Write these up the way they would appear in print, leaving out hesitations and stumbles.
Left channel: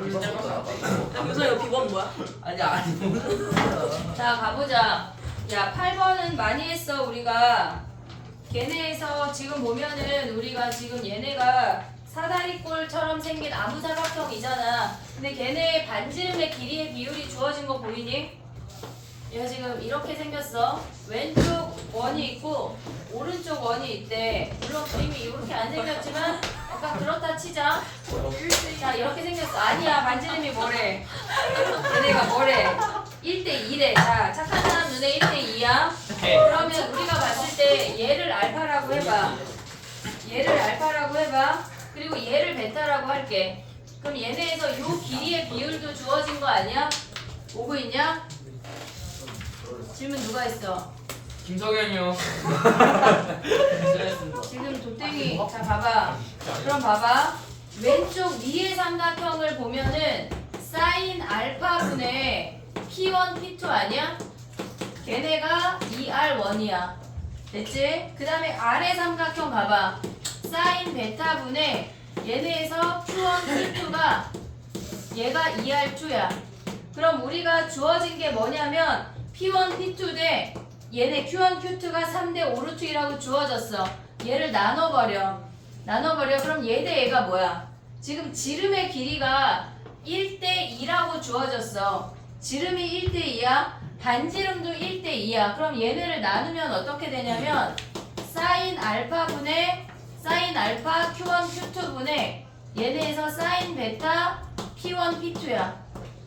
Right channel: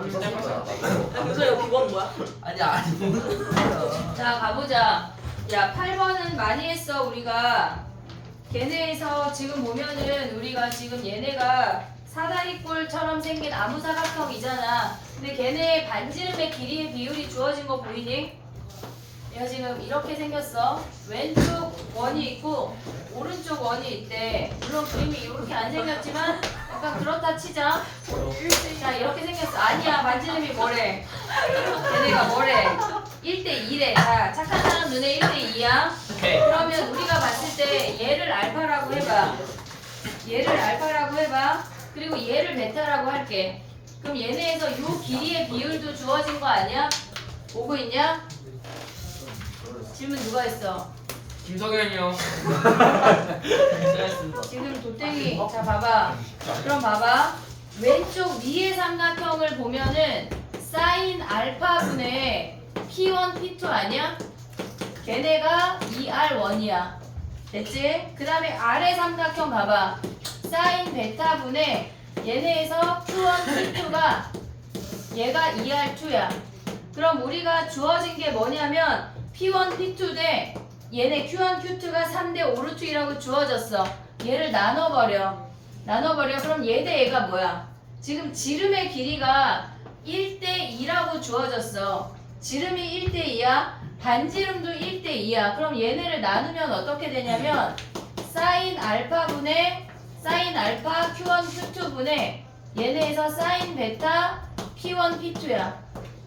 무슨 여기 비번 뭐야? 아니. 자 가보자. 야 8번은 많이 했어 우리가. 걔네에서 지금 보면은 우리가 지금 얘네가 사다리꼴처럼 생긴 아무사각형이잖아. 근데 걔네의 반지름의 길이의 비율이 주어진 거 보이니? 얘가 지금 이렇게 생겼어. 왼쪽 원이 있고 오른쪽 원이 있대. 물론 그림이 이렇게 안 생겼지만 약간 그렇다 치자. 자 이렇게 생겼어. 아니야 반지름이 뭐래? 얘네가 뭐래? 1대2래. 자 착한 사람 눈에 1대2야. 그러면 우리가 봤을 때 얘를 알파라고 해봐. 얘를 알파라고 해봐. 그리고 얘를 베타라고 할게. 그럼 얘네에서 요 길이의 비율도 주어진 거 아니야? 오고 있냐? 질문 누가 했어? 김석현이요. 지금 도땡이. 자 봐봐. 그럼 봐봐. 왼쪽 위의 삼각형을 보면은 사인 알파분의 P1, P2 아니야? 걔네가 2R1이야. 됐지? 그 다음에 아래 삼각형 봐봐. 사인 베타분의 얘네에서 Q1, P2가 얘가 2R2야. 그럼 우리가 주어진 게 뭐냐면 P1, P2 대 얘네 Q1, Q2가 3대 5루트이라고 주어졌어. 얘를 나눠버려. 그럼 얘 대 얘가 뭐야? 지금 지름의 길이가 1대2라고 주어졌어. 지름이 1대2야. 반지름도 1대2야. 그럼 얘네를 나누면 어떻게 되냐면 사인 알파분의 사인 알파 Q1, Q2분의 얘네에서 사인 베타 P1, P2야.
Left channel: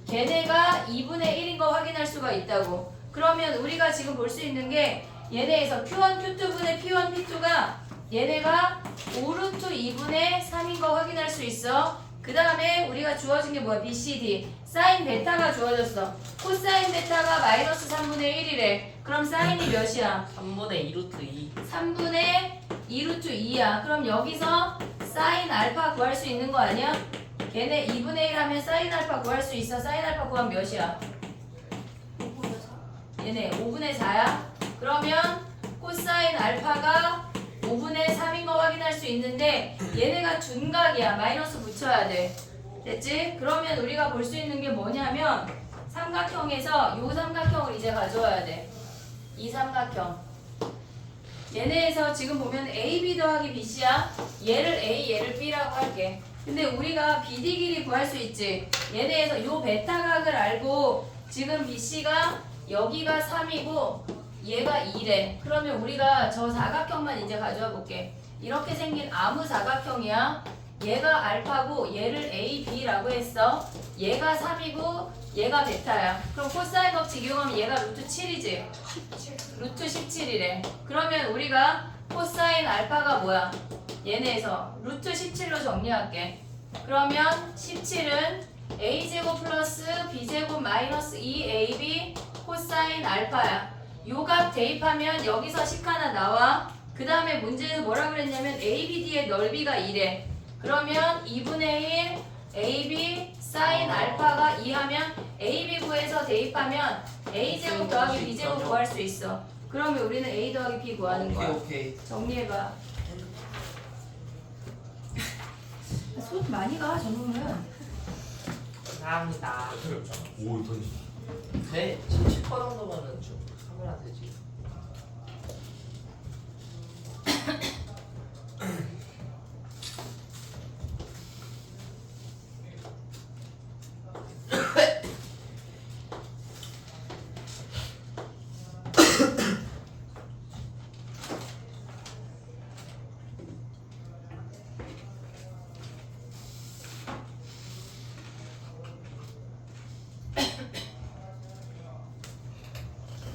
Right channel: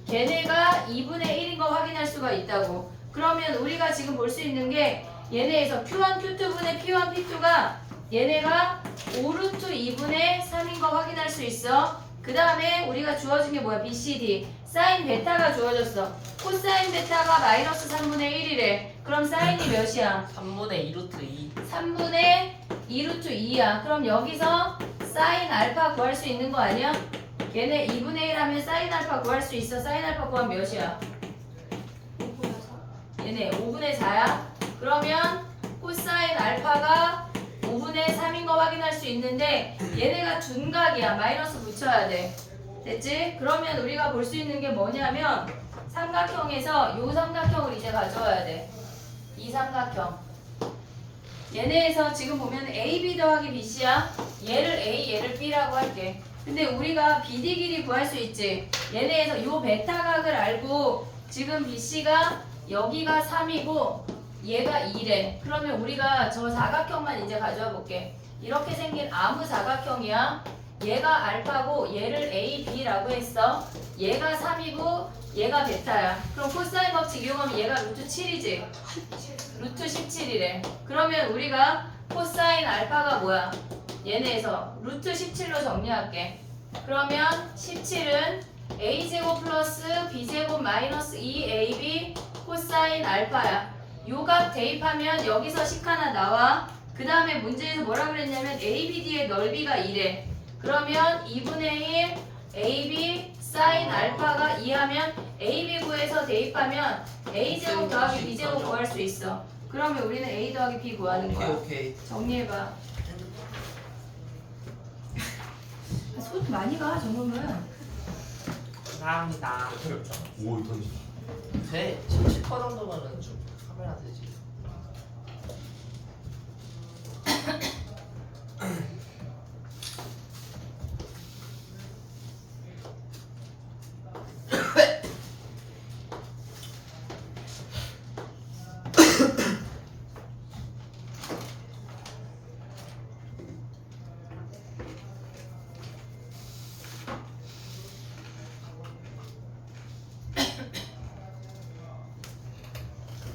걔네가 2분의 1인 거 확인할 수가 있다고. 그러면 우리가 지금 볼 수 있는 게 얘네에서 Q1, Q2분의 P1, P2가 얘네가 5루트 2분의 3인 거 확인할 수 있어. 그 다음에 우리가 주어진 게 뭐야? B, C, D. 사인 베타가 주어졌어. 코사인 베타가 마이너스 3분의 1이래. 그럼 사인이 몇이야? 3분의 2루트 2. 3분의 2루트 2야. 그럼 여기서 사인 알파 구할 수 있는 거 아니야? 얘네 2분의 1 하면 사인 알파 구할 수 있어. 사인 알파 구하면 몇이야? 얘네 5분의 4야. 그러면 코사인 알파가 5분의 3인 거 확인할 수 있는데 얘네가 둔각이야. 마이너스 붙여야 돼. 됐지? 그러면 우리가 볼 수 있는 게 뭐냐면 삼각형에서 요 삼각형을 이제 가져와야 돼. 이 삼각형. 얘네에서 지금 보면 AB 더하기 BC야. 얘를 A, 얘를 B라고 할게. 근데 우리가 BD 길이 구할 수 있지. 얘네에서 요 베타각을 알고 지금 BC가 여기가 3이고 얘가 2래. 그러면 우리가 저 사각형만 이제 가져와 볼게. 이렇게 생긴 아무 사각형이야. 얘가 알파고 얘를 A, B라고 했어. 얘가 3이고 얘가 베타야. 그럼 코사인 법칙 이용하면 얘가 루트 7이지? 루트 17이래. 그러면 우리가 코사인 알파가 뭐야? 얘네에서 루트 17로 정리할게. 그러면 17은 A제곱 플러스 B제곱 마이너스 2AB 코사인 알파야. 요 값 대입하면 여기서 식 하나 나와. 그 다음에 문제에서 뭐라 그랬냐면 ABD의 넓이가 2래. 그러면 2분의 1 AB 사인 알파가 2 하면 AB 구해서 대입하면 A제곱 더하기 B제곱 구할 수 있어. 그러면 우리는 A 더하기 B 구하는 거야. 오케이. 정리해봐. 손 많이 가 저놈은. 감사합니다. 오 던지. 돼? 70% 정도면은 좀 카메라 되지.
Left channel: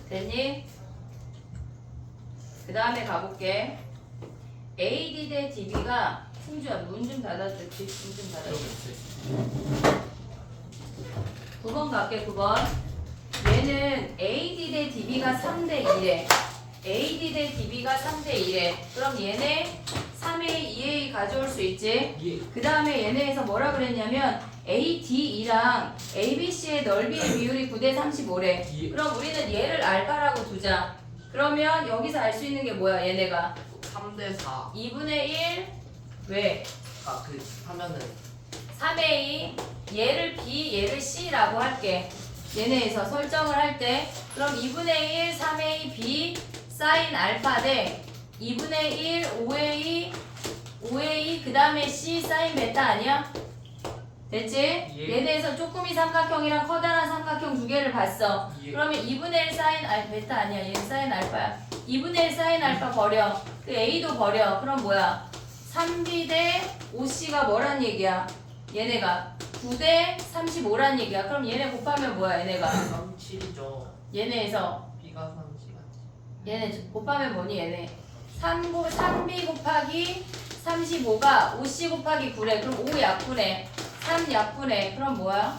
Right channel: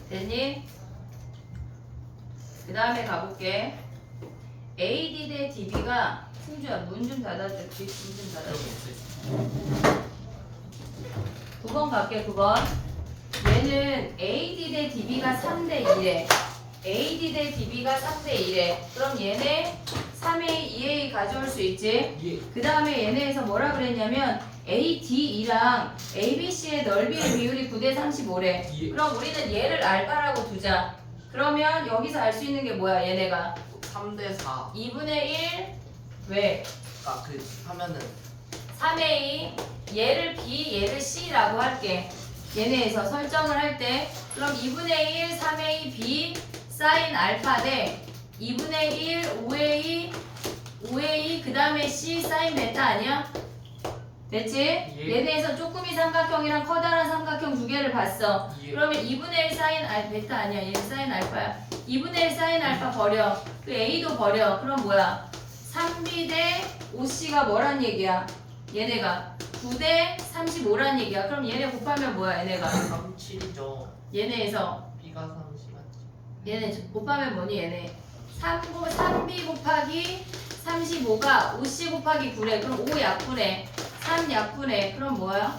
됐니? 그 다음에 가볼게. AD 대 DB가 승주야 문 좀 닫아줄게. 문 좀 닫아줄게. 9번 갈게. 9번. 얘는 AD 대 DB가 3대 2래. AD 대 DB가 3대 2래. 그럼 얘네 3A, 2A 가져올 수 있지? 그 다음에 얘네에서 뭐라 그랬냐면 ADE랑 ABC의 넓이의 비율이 9대 35래. 그럼 우리는 얘를 알파라고 두자. 그러면 여기서 알 수 있는 게 뭐야? 얘네가 3대 4. 2분의 1 왜? 아, 그 하면은 3A 얘를 B 얘를 C라고 할게. 얘네에서 설정을 할 때 그럼 2분의 1 3A B 사인 알파 대 2분의 1 5A 그 다음에 C 사인 베타 아니야? 됐지? 예. 얘네에서 쪼꾸미 삼각형이랑 커다란 삼각형 두 개를 봤어. 예. 그러면 2분의 1 사인 베타 아니야. 얘는 사인 알파야. 2분의 1 사인 알파 버려. 그 A도 버려. 그럼 뭐야? 3B 대 5C가 뭐란 얘기야? 얘네가 9대 35란 얘기야. 그럼 얘네 곱하면 뭐야? 얘네가 37이죠. 얘네에서 B가 30. 얘네 곱하면 뭐니? 얘네 3B 곱하기 35가 5C 곱하기 9래. 그럼 5 약분해. 3 약분해. 그럼 뭐야?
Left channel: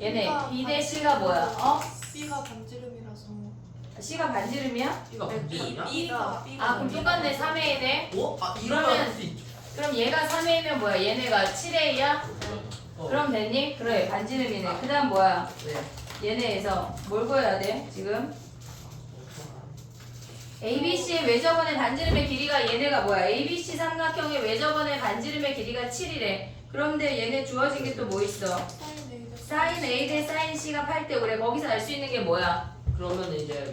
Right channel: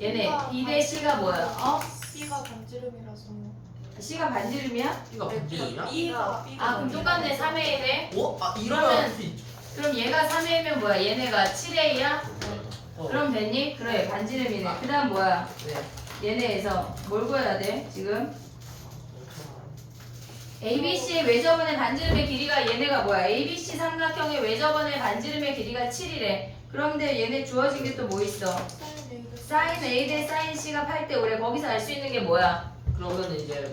얘네 B 대 C가 뭐야? 어? B가 반지름이라서 C가 반지름이야? B가 반지름이야? B가 아 그럼 똑같네. 3A에 대. 어? 아 이러면 그러면- 할수 있죠. 그럼 얘가 3A면 뭐야? 얘네가 7A야? 그럼 됐니? 그래 반지름이네. 그 다음 뭐야? 네. 얘네에서 뭘 구해야 돼? 지금 ABC의 외접원의 반지름의 길이가 얘네가 뭐야? ABC 삼각형의 외접원의 반지름의 길이가 7이래. 그런데 얘네 주어진 게 또 뭐 있어? 사인 A 대 사인 C가 8대 5래. 거기서 알 수 있는 게 뭐야? 그러면 이제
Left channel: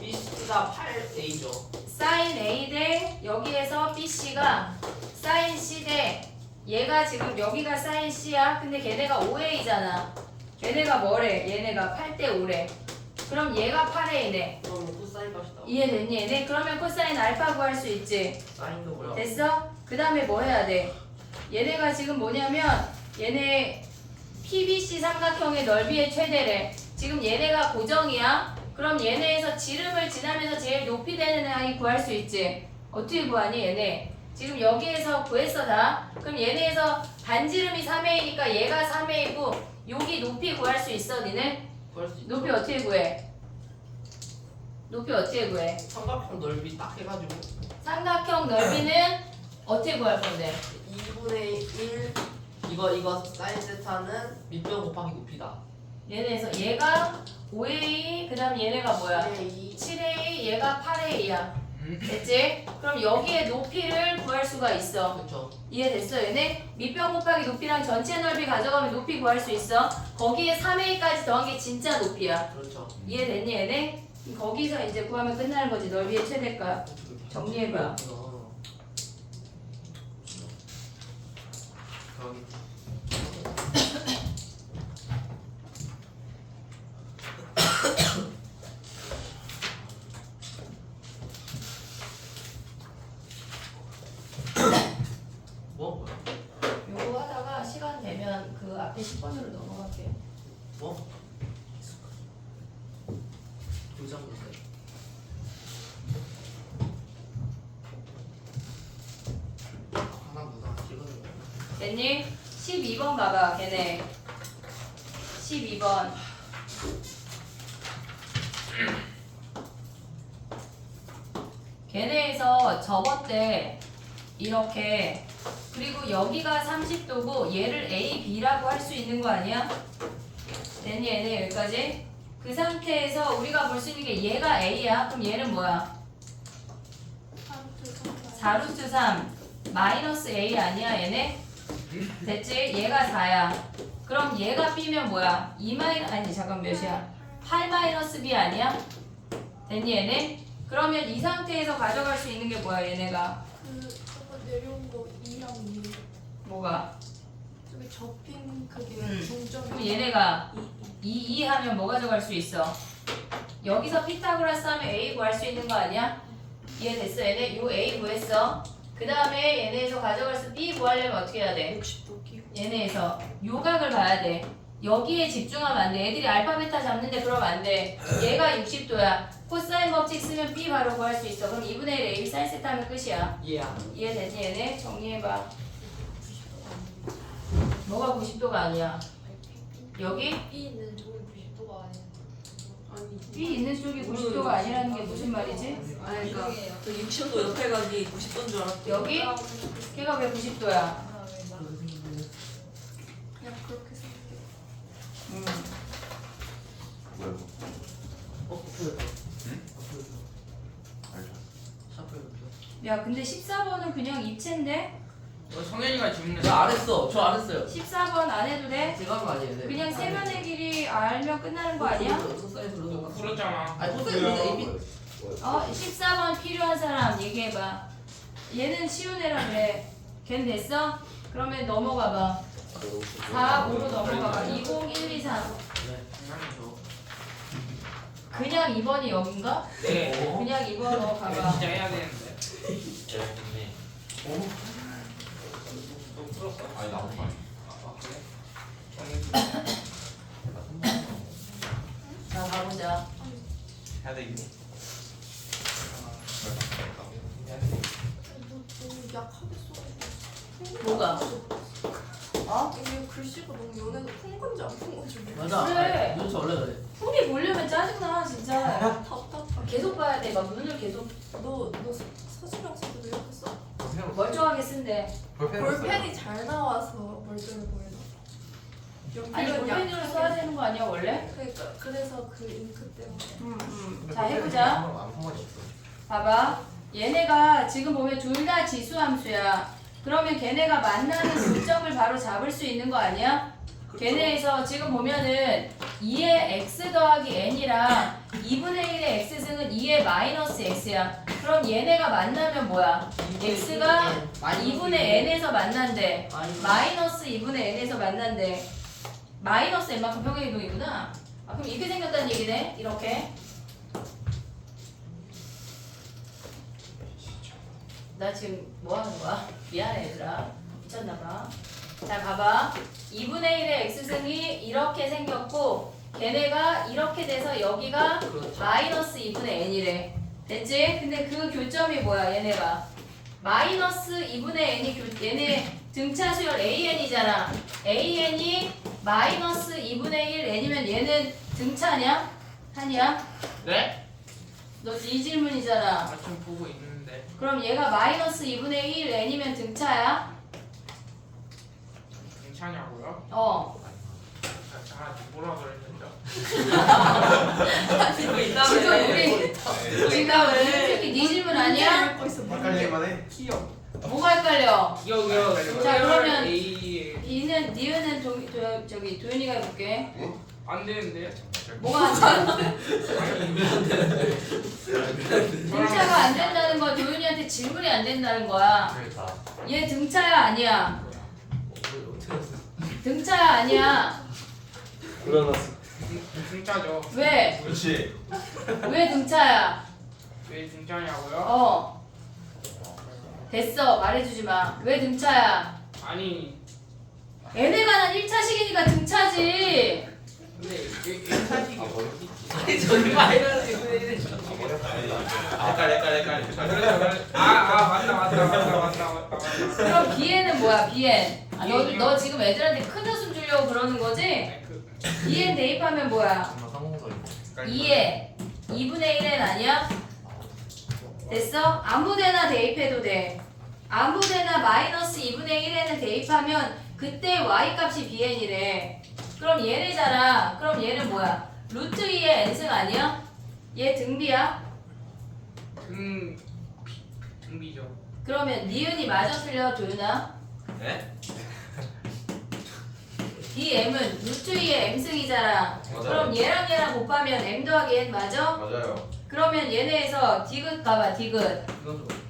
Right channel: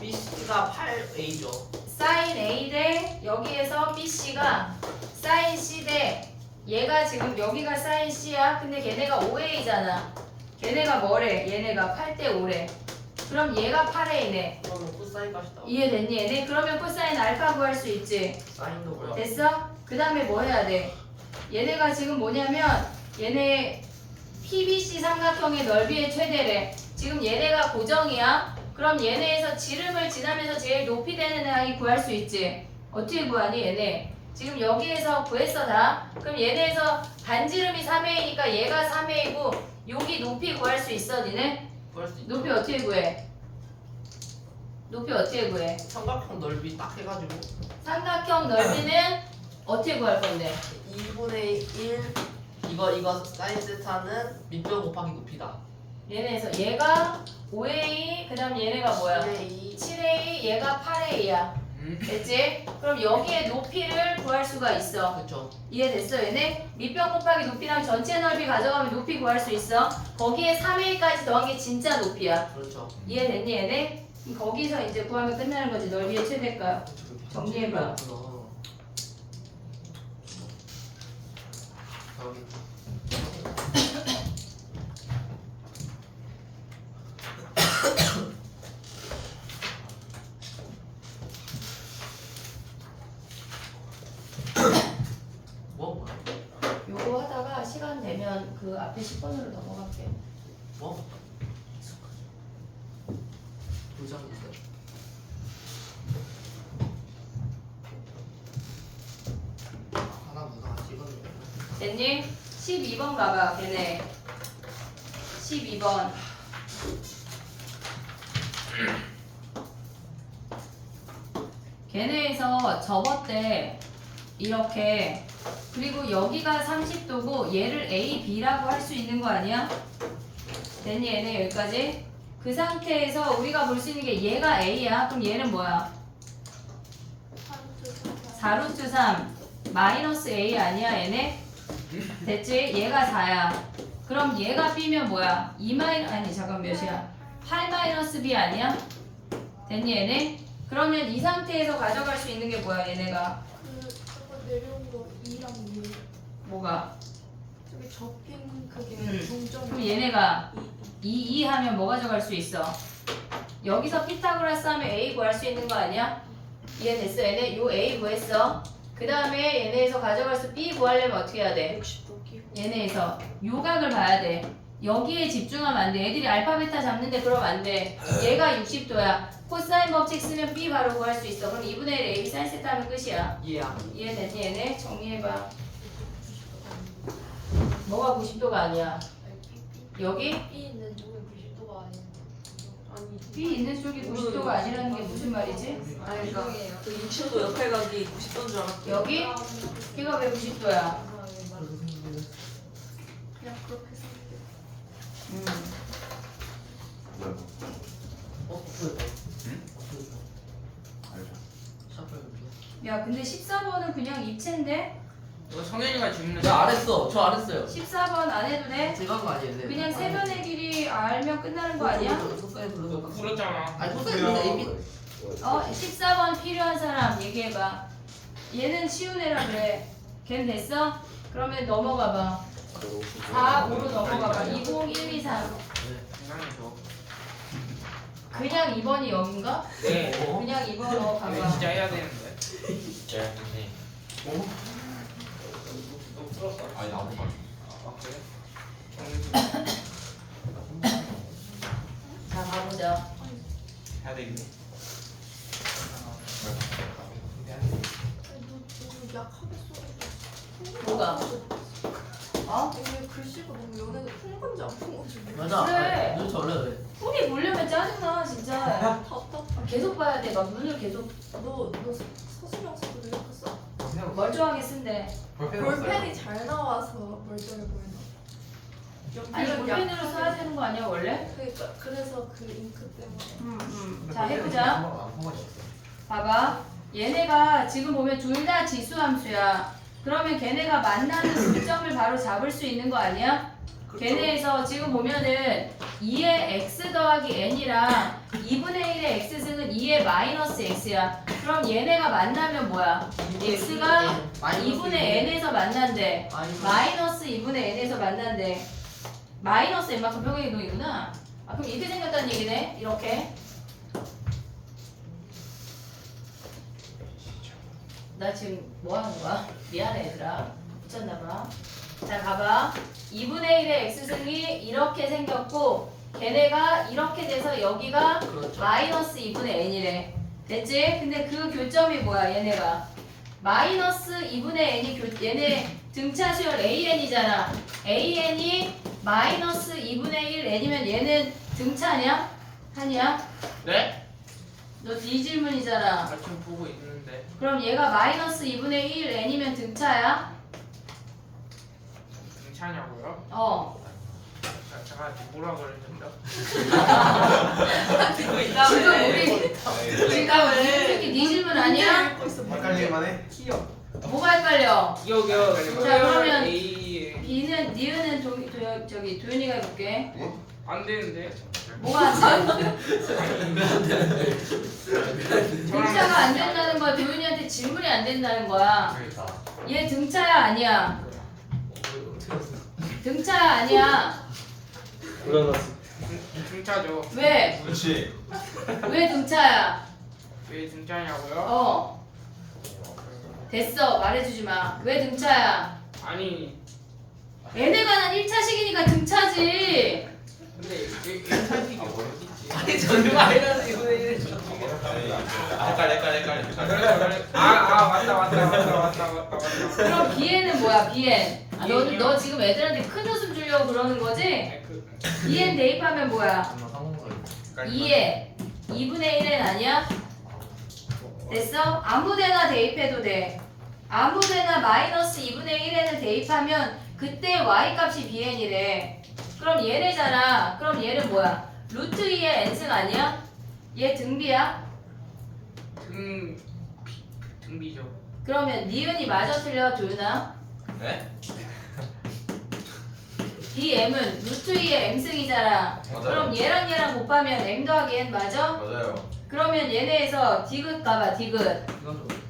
B가 8A죠. 사인 A 대 여기에서 BC가 사인 C 대 얘가 지금 여기가 사인 C야. 근데 걔네가 5A잖아. 얘네가 뭐래? 얘네가 8대 5래. 그럼 얘가 8A네. 그러면 코사인 값이 나와. 이해됐니 얘네? 그러면 코사인 알파 구할 수 있지. 사인도 뭐야? 됐어? 그 다음에 뭐 해야 돼? 얘네가 지금 뭐냐면 얘네 PBC 삼각형의 넓이의 최대래. 지금 얘네가 고정이야. 그럼 얘네에서 지름을 지나면서 제일 높이 되는 항이 구할 수 있지. 어떻게 구하니 얘네? 지금 여기에서 구했어 다. 그럼 얘네에서 반지름이 3A니까 얘가 3A고 여기 높이 구할 수 있어 니네? 구할 수 있죠. 높이 어떻게 구해? 높이 어떻게 구해? 삼각형 넓이 딱 해가지고 삼각형 넓이는 어떻게 구할 건데? 2분의 1 이거 사인 세타는 밑변 곱하기 높이다. 얘네에서 얘가 5A 그 다음 얘네가 뭐야? 2 7A 얘가 8A야. 음. 됐지? 그럼 여기에 높이를 구할 수가 있어. 그렇죠. 이해됐어 얘네? 밑변 곱하기 높이랑 전체 넓이 가져가면 높이 구할 수 있어. 거기에 3A까지 더한 게 진짜 높이야. 그렇죠. 이해됐니 얘네? 그럼 거기서 이제 구하면 끝나는 거지. 넓이의 최대가. 정리해봐. 뭐? 요거 하다가 시간 되면 그 앞에 10번으로 넘어갈게요. 뭐? 도장인데. 하나 누가 찍어줘. 됐니? 12번 봐봐 걔네 12번 걔네에서 접었대 이렇게. 그리고 여기가 30도고 얘를 A, B라고 할 수 있는 거 아니야? 됐니 얘네 여기까지? 그 상태에서 우리가 볼 수 있는 게 얘가 A야. 그럼 얘는 뭐야? 4루트 3 마이너스 A 아니야 얘네? 됐지? 얘가 4야. 그럼 얘가 B면 뭐야? 2 아니 잠깐 몇이야? 8 마이너스 B 아니야? 됐니 얘네? 그러면 이 상태에서 가져갈 수 있는 게 뭐야 얘네가? 그 저번 내려온 거 2랑 6 뭐가? 저기 접힌 그게 그럼 동점 얘네가 2 하면 뭐 가져갈 수 있어? 여기서 피타고라스 하면 A 구할 수 있는 거 아니야? 이해됐어 얘네? 요 A 구했어. 그 다음에 얘네에서 가져갈 수 B 구하려면 어떻게 해야 돼? 60도 끼고 얘네에서 요각을 봐야 돼. 여기에 집중하면 안 돼. 애들이 알파 베타 잡는데 그러면 안 돼. 얘가 60도야. 코사인 법칙 쓰면 B 바로 구할 수 있어. 그럼 2분의 1 AB 사인 세타 하면 끝이야. 얘야. 이해됐니 얘네? 정리해봐. 뭐가 90도가 아니야? 여기? B 있는 쪽이 90도가 아니 B 있는 쪽이 90도가 아니라는 게 무슨 말이지? 아니 그러니까 그 60도 옆에 가기 90도인 줄 알았어. 여기? 걔가 왜 90도야? 그냥 그렇게 생각해. 뭐야? 보여줘. 응? 보여줘. 알죠. 샤프를 보여줘. 야 근데 14번은 그냥 입체인데? 너 성현이가 질문했어. 저 안 했어. 저 안 했어요. 14번 안 해도 돼? 제가 한 거 아니에요. 네. 그냥 세면의 길이 알면 끝나는 거 아니야? 코사인 너 불러서. 풀었잖아. 아니 코사인 불러서 AP. 14번 필요한 사람 얘기해봐. 얘는 쉬운 애라 그래. 걔는 됐어? 그러면 넘어가봐. 4, 5로 넘어가봐. 20, 1, 2, 3. 장난이죠. 그냥 2번이 여긴가? 네. 그냥 2번 이거 가봐. 진짜 해야 되는데. 너 풀었어? 아니 아무 말. 아 그래? 자, 가보자. 해야 되겠니? 아니 너무 약하게 써가지고. 뭐가? 어? 이게 글씨가 너무 연해서 푼 건지 안 푼 건지 모르겠어. 맞아. 그래. 눈 원래 그래. 손이 보려면 짜증나 진짜. 답답. 계속 봐야 돼. 막 눈을 계속 너 서술형식으로 이렇게 써? 멀쩡하게 쓴대. 볼펜이 잘 나와서 멀쩡해 보이나? 아니 연필은 볼펜으로 약하게. 써야 되는 거 아니야 원래? 그러니까 그래서 그 잉크 때문에. 자 해보자. 봐봐. 얘네가 지금 보면 둘 다 지수함수야. 그러면 걔네가 만나는 교점을 바로 잡을 수 있는 거 아니야? 걔네에서 지금 보면은 2의 x 더하기 n이랑 2분의 1의 x승은 2의 마이너스 x야. 그럼 얘네가 만나면 뭐야? x가 2분의 n에서 만난대. 마이너스 2분의 n에서 만난대. 마이너스 n만큼 평행이동이구나. 아 그럼 이렇게 생겼다는 얘기네. 이렇게. 나 지금 뭐 하는 거야? 미안해 얘들아. 미쳤나봐. 자 봐봐. 2분의 1의 x승이 이렇게 생겼고 걔네가 이렇게 돼서 여기가 마이너스 2분의 n이래. 됐지? 근데 그 교점이 뭐야 얘네가? 마이너스 2분의 n이 얘네 등차 수열 an이잖아. an이 마이너스 2분의 1 n이면 얘는 등차냐? 하냐? 네? 너 이 질문이잖아. 아 지금 보고 있는데. 그럼 얘가 마이너스 2분의 1 n이면 등차야? 괜찮냐고요? 어. 제가 뭐라 그랬는데? 지금 우리 솔직히 네 질문 아니야? 읽고 있어. 헷갈릴만 해. 귀여워. 뭐가 헷갈려? 기억이요. 자, 그러면 A B는 니은은 저기 도윤이가 해볼게. 안 되는데. 뭐가 안 돼? 등차가 안 된다는 거야. 도윤이한테 질문이 안 된다는 거야. 얘 등차야 아니야? 등차야 아니야? 등차죠. 왜? 그렇지. 왜 등차야? 왜 등차냐고요? 어. 됐어. 말해주지 마. 왜 등차야? 아니 얘네가 난 1차식이니까 등차지. 근데 1차식이 어딨지? 아니 저기 마이너스 2분의 1을 헷갈려. 아 맞다. 그럼 BN은 뭐야? BN. 아, 너 지금 애들한테 큰 웃음 주려고 그러는 거지? BN 대입하면 뭐야? 2에 2분의 1은 아니야? 됐어? 아무데나 대입해도 돼. 아무데나 마이너스 2분의 1n을 대입하면 그때 y값이 bn이래. 그럼 얘네잖아. 그럼 얘는 뭐야? 루트 2의 n승 아니야? 얘 등비야? 등비죠. 그러면 니은이 맞아 틀려 도윤아? 네? 이 m은 루트 2의 m승이잖아. 맞아요. 그럼 얘랑 곱하면 m 더하기 n 맞아? 맞아요. 그러면 얘네에서 디귿 가봐 디귿.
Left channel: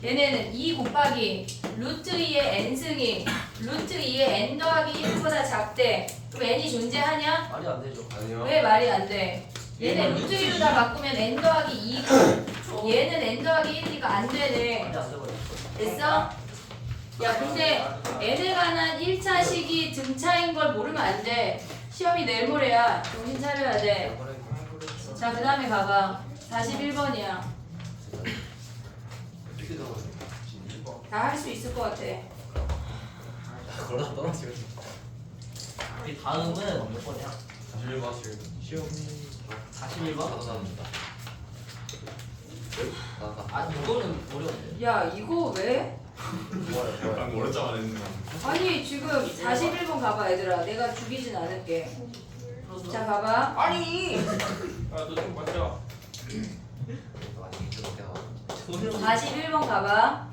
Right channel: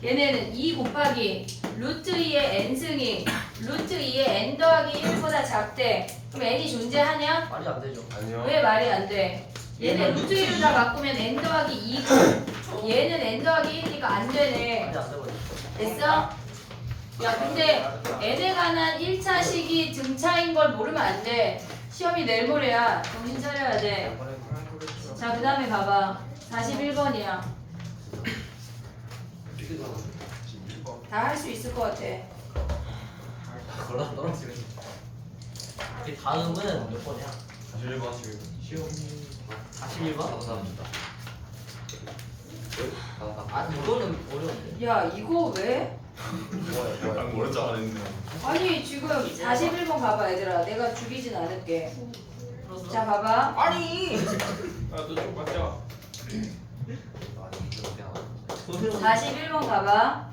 얘네는 2 곱하기 루트 2의 n승이 루트 2의 n 더하기 1보다 작대. 그럼 n이 존재하냐? 말이 안 되죠. 아니요. 왜 말이 안 돼? 얘네 루트 2로 다 바꾸면 n 더하기 2고 얘는 n 더하기 1이니까 안 되네. 말이 안 되고. 됐어? 야 근데 n에 관한 1차식이 등차인 걸 모르면 안 돼. 시험이 내일 모레야. 정신 차려야 돼. 자 그 다음에 가봐. 41번이야. 다 할 수 있을 것 같아. 걸어 떨어지고. 이 다음은 몇 번이야? 41번 지금. 41번? 감사합니다. 아 이거는 어려운데. 야 이거 왜? 방금 오른쪽 안 했는데. 아니 지금 41번 가봐 얘들아. 내가 죽이진 않을게. 자 봐봐. 아니. 너좀 맞자. 41번 가봐.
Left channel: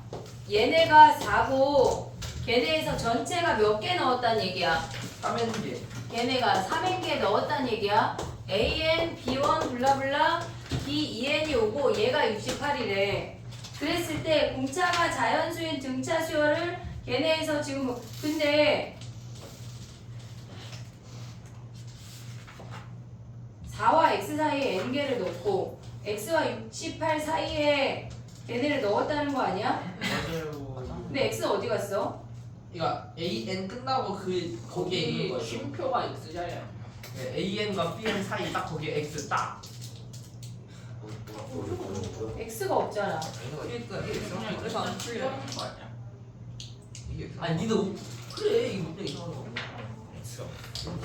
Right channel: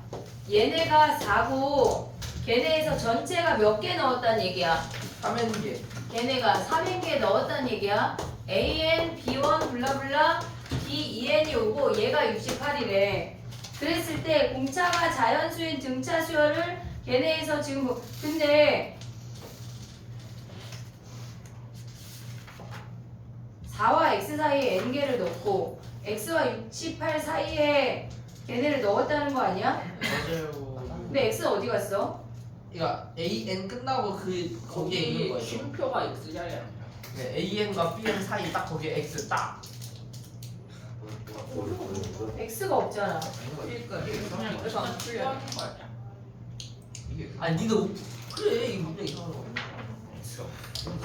얘네가 4고 걔네에서 전체가 몇 개 넣었단 얘기야? 3N개. 걔네가 3n개 넣었단 얘기야. AN, B1, 블라블라, B2N이 오고 얘가 68이래. 그랬을 때 공차가 자연수인 등차 수열을 걔네에서 지금 근데 4와 x 사이에 n개를 넣고 x와 68 사이에 걔네를 넣었다는 거 아니야? 맞아요. 근데 x는 어디 갔어? 이거 AN 끝나고 그 거기에 있는 거기 거예요. 쉼표가 X자야. 네, AN과 BN 사이 딱 거기에 X 딱. x가 없잖아. 그러니까 그냥 그래서 안 풀려. 하는 거 아니야? 아니 니들 그래 이거 문제 이상한 거.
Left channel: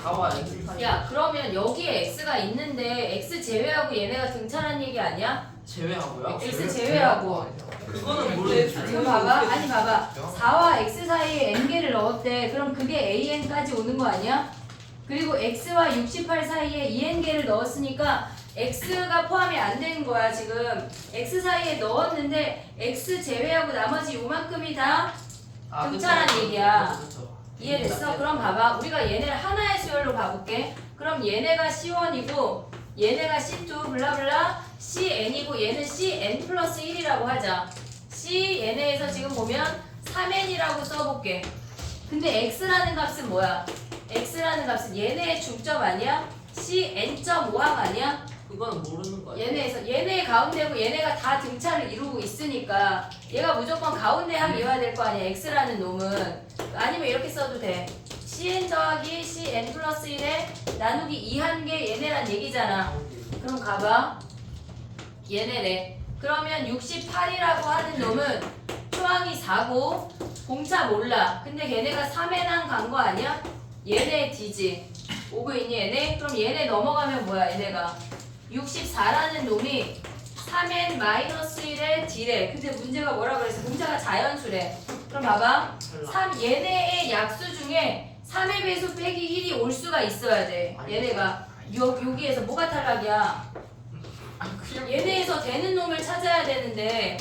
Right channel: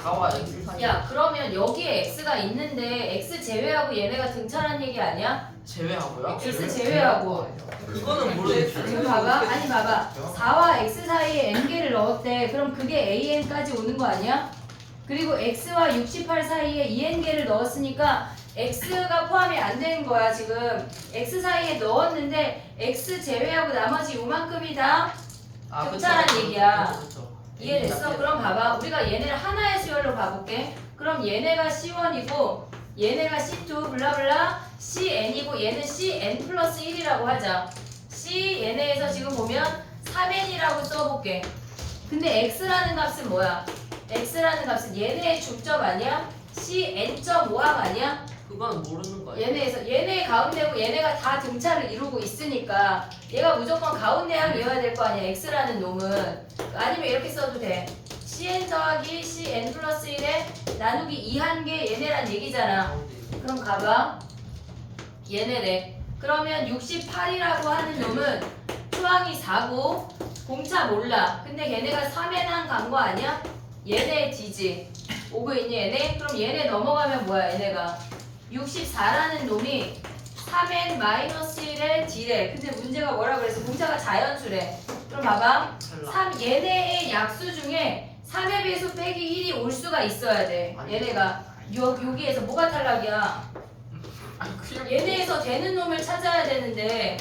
4와 X 사이. 야 그러면 여기에 x가 있는데 x 제외하고 얘네가 등차란 얘기 아니야? 제외하고요? X 제외하고. 그거는 모르겠어. 지금 봐봐. 아니 봐봐. 4와 x 사이에 n개를 넣었대. 그럼 그게 an까지 오는 거 아니야? 그리고 x와 68 사이에 2n개를 넣었으니까 x가 포함이 안 되는 거야 지금. x 사이에 넣었는데 x 제외하고 나머지 요만큼이 다 등차란 얘기야. 이해됐어? 그럼 봐봐. 우리가 얘네를 하나의 수열로 봐볼게. 그럼 얘네가 C1이고 얘네가 C2 블라블라 CN이고 얘는 CN 플러스 1이라고 하자. C 얘네에서 지금 보면 3N이라고 써볼게. 근데 X라는 값은 뭐야? X라는 값은 얘네의 중점 아니야? CN.5항 아니야? 그건 모르는 거야. 얘네에서 얘네 가운데고 얘네가 다 등차를 이루고 있으니까 얘가 무조건 가운데 항이어야 될 거 아니야 x라는 놈은. 아니면 이렇게 써도 돼. cn 더하기 cn 플러스 1에 나누기 2한 개 얘네란 얘기잖아. 그럼 가봐. 얘네래. 그러면 68이라고 하는 놈은 표항이 4고 공차 몰라. 근데 걔네가 3에난 간 거 아니야? 얘네 D지. 오고 있니 얘네? 그럼 얘네 넘어가면 뭐야 얘네가 64라는 놈이 3n-1의 D래. 근데 문제가 뭐라 그랬어? 공차가 자연수래. 그럼 봐봐. 3 얘네의 약수 중에 3의 배수 빼기 1이 올 수가 있어야 돼. 얘네가 여기에서 뭐가 탈락이야? 얘네에서 되는 놈을 찾아야 되는데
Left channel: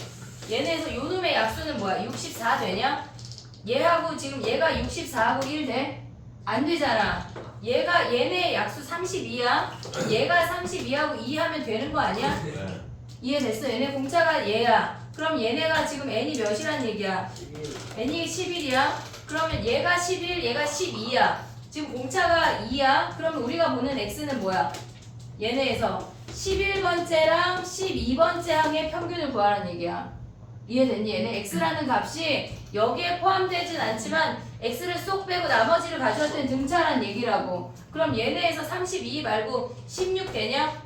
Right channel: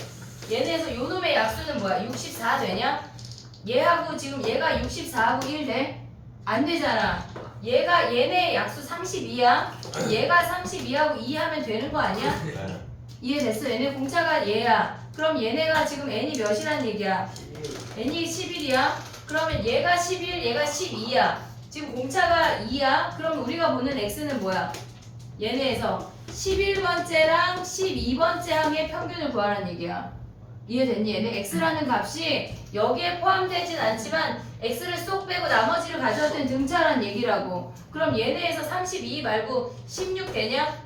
얘네에서 요 놈의 약수는 뭐야? 64 되냐? 얘하고 지금 얘가 64하고 1 돼? 안 되잖아. 얘네 약수 32야. 얘가 32하고 2 하면 되는 거 아니야? 이해됐어? 얘네 공차가 얘야. 그럼 얘네가 지금 n이 몇이란 얘기야? n이 11이야. 그러면 얘가 11, 얘가 12야. 지금 공차가 2야. 그럼 우리가 보는 x는 뭐야? 얘네에서 11번째랑 12번째 항의 평균을 구하라는 얘기야. 이해됐니? 얘네 x라는 값이 여기에 포함되진 않지만 x를 쏙 빼고 나머지를 가져올 땐 등차란 얘기라고. 그럼 얘네에서 32 말고 16 되냐?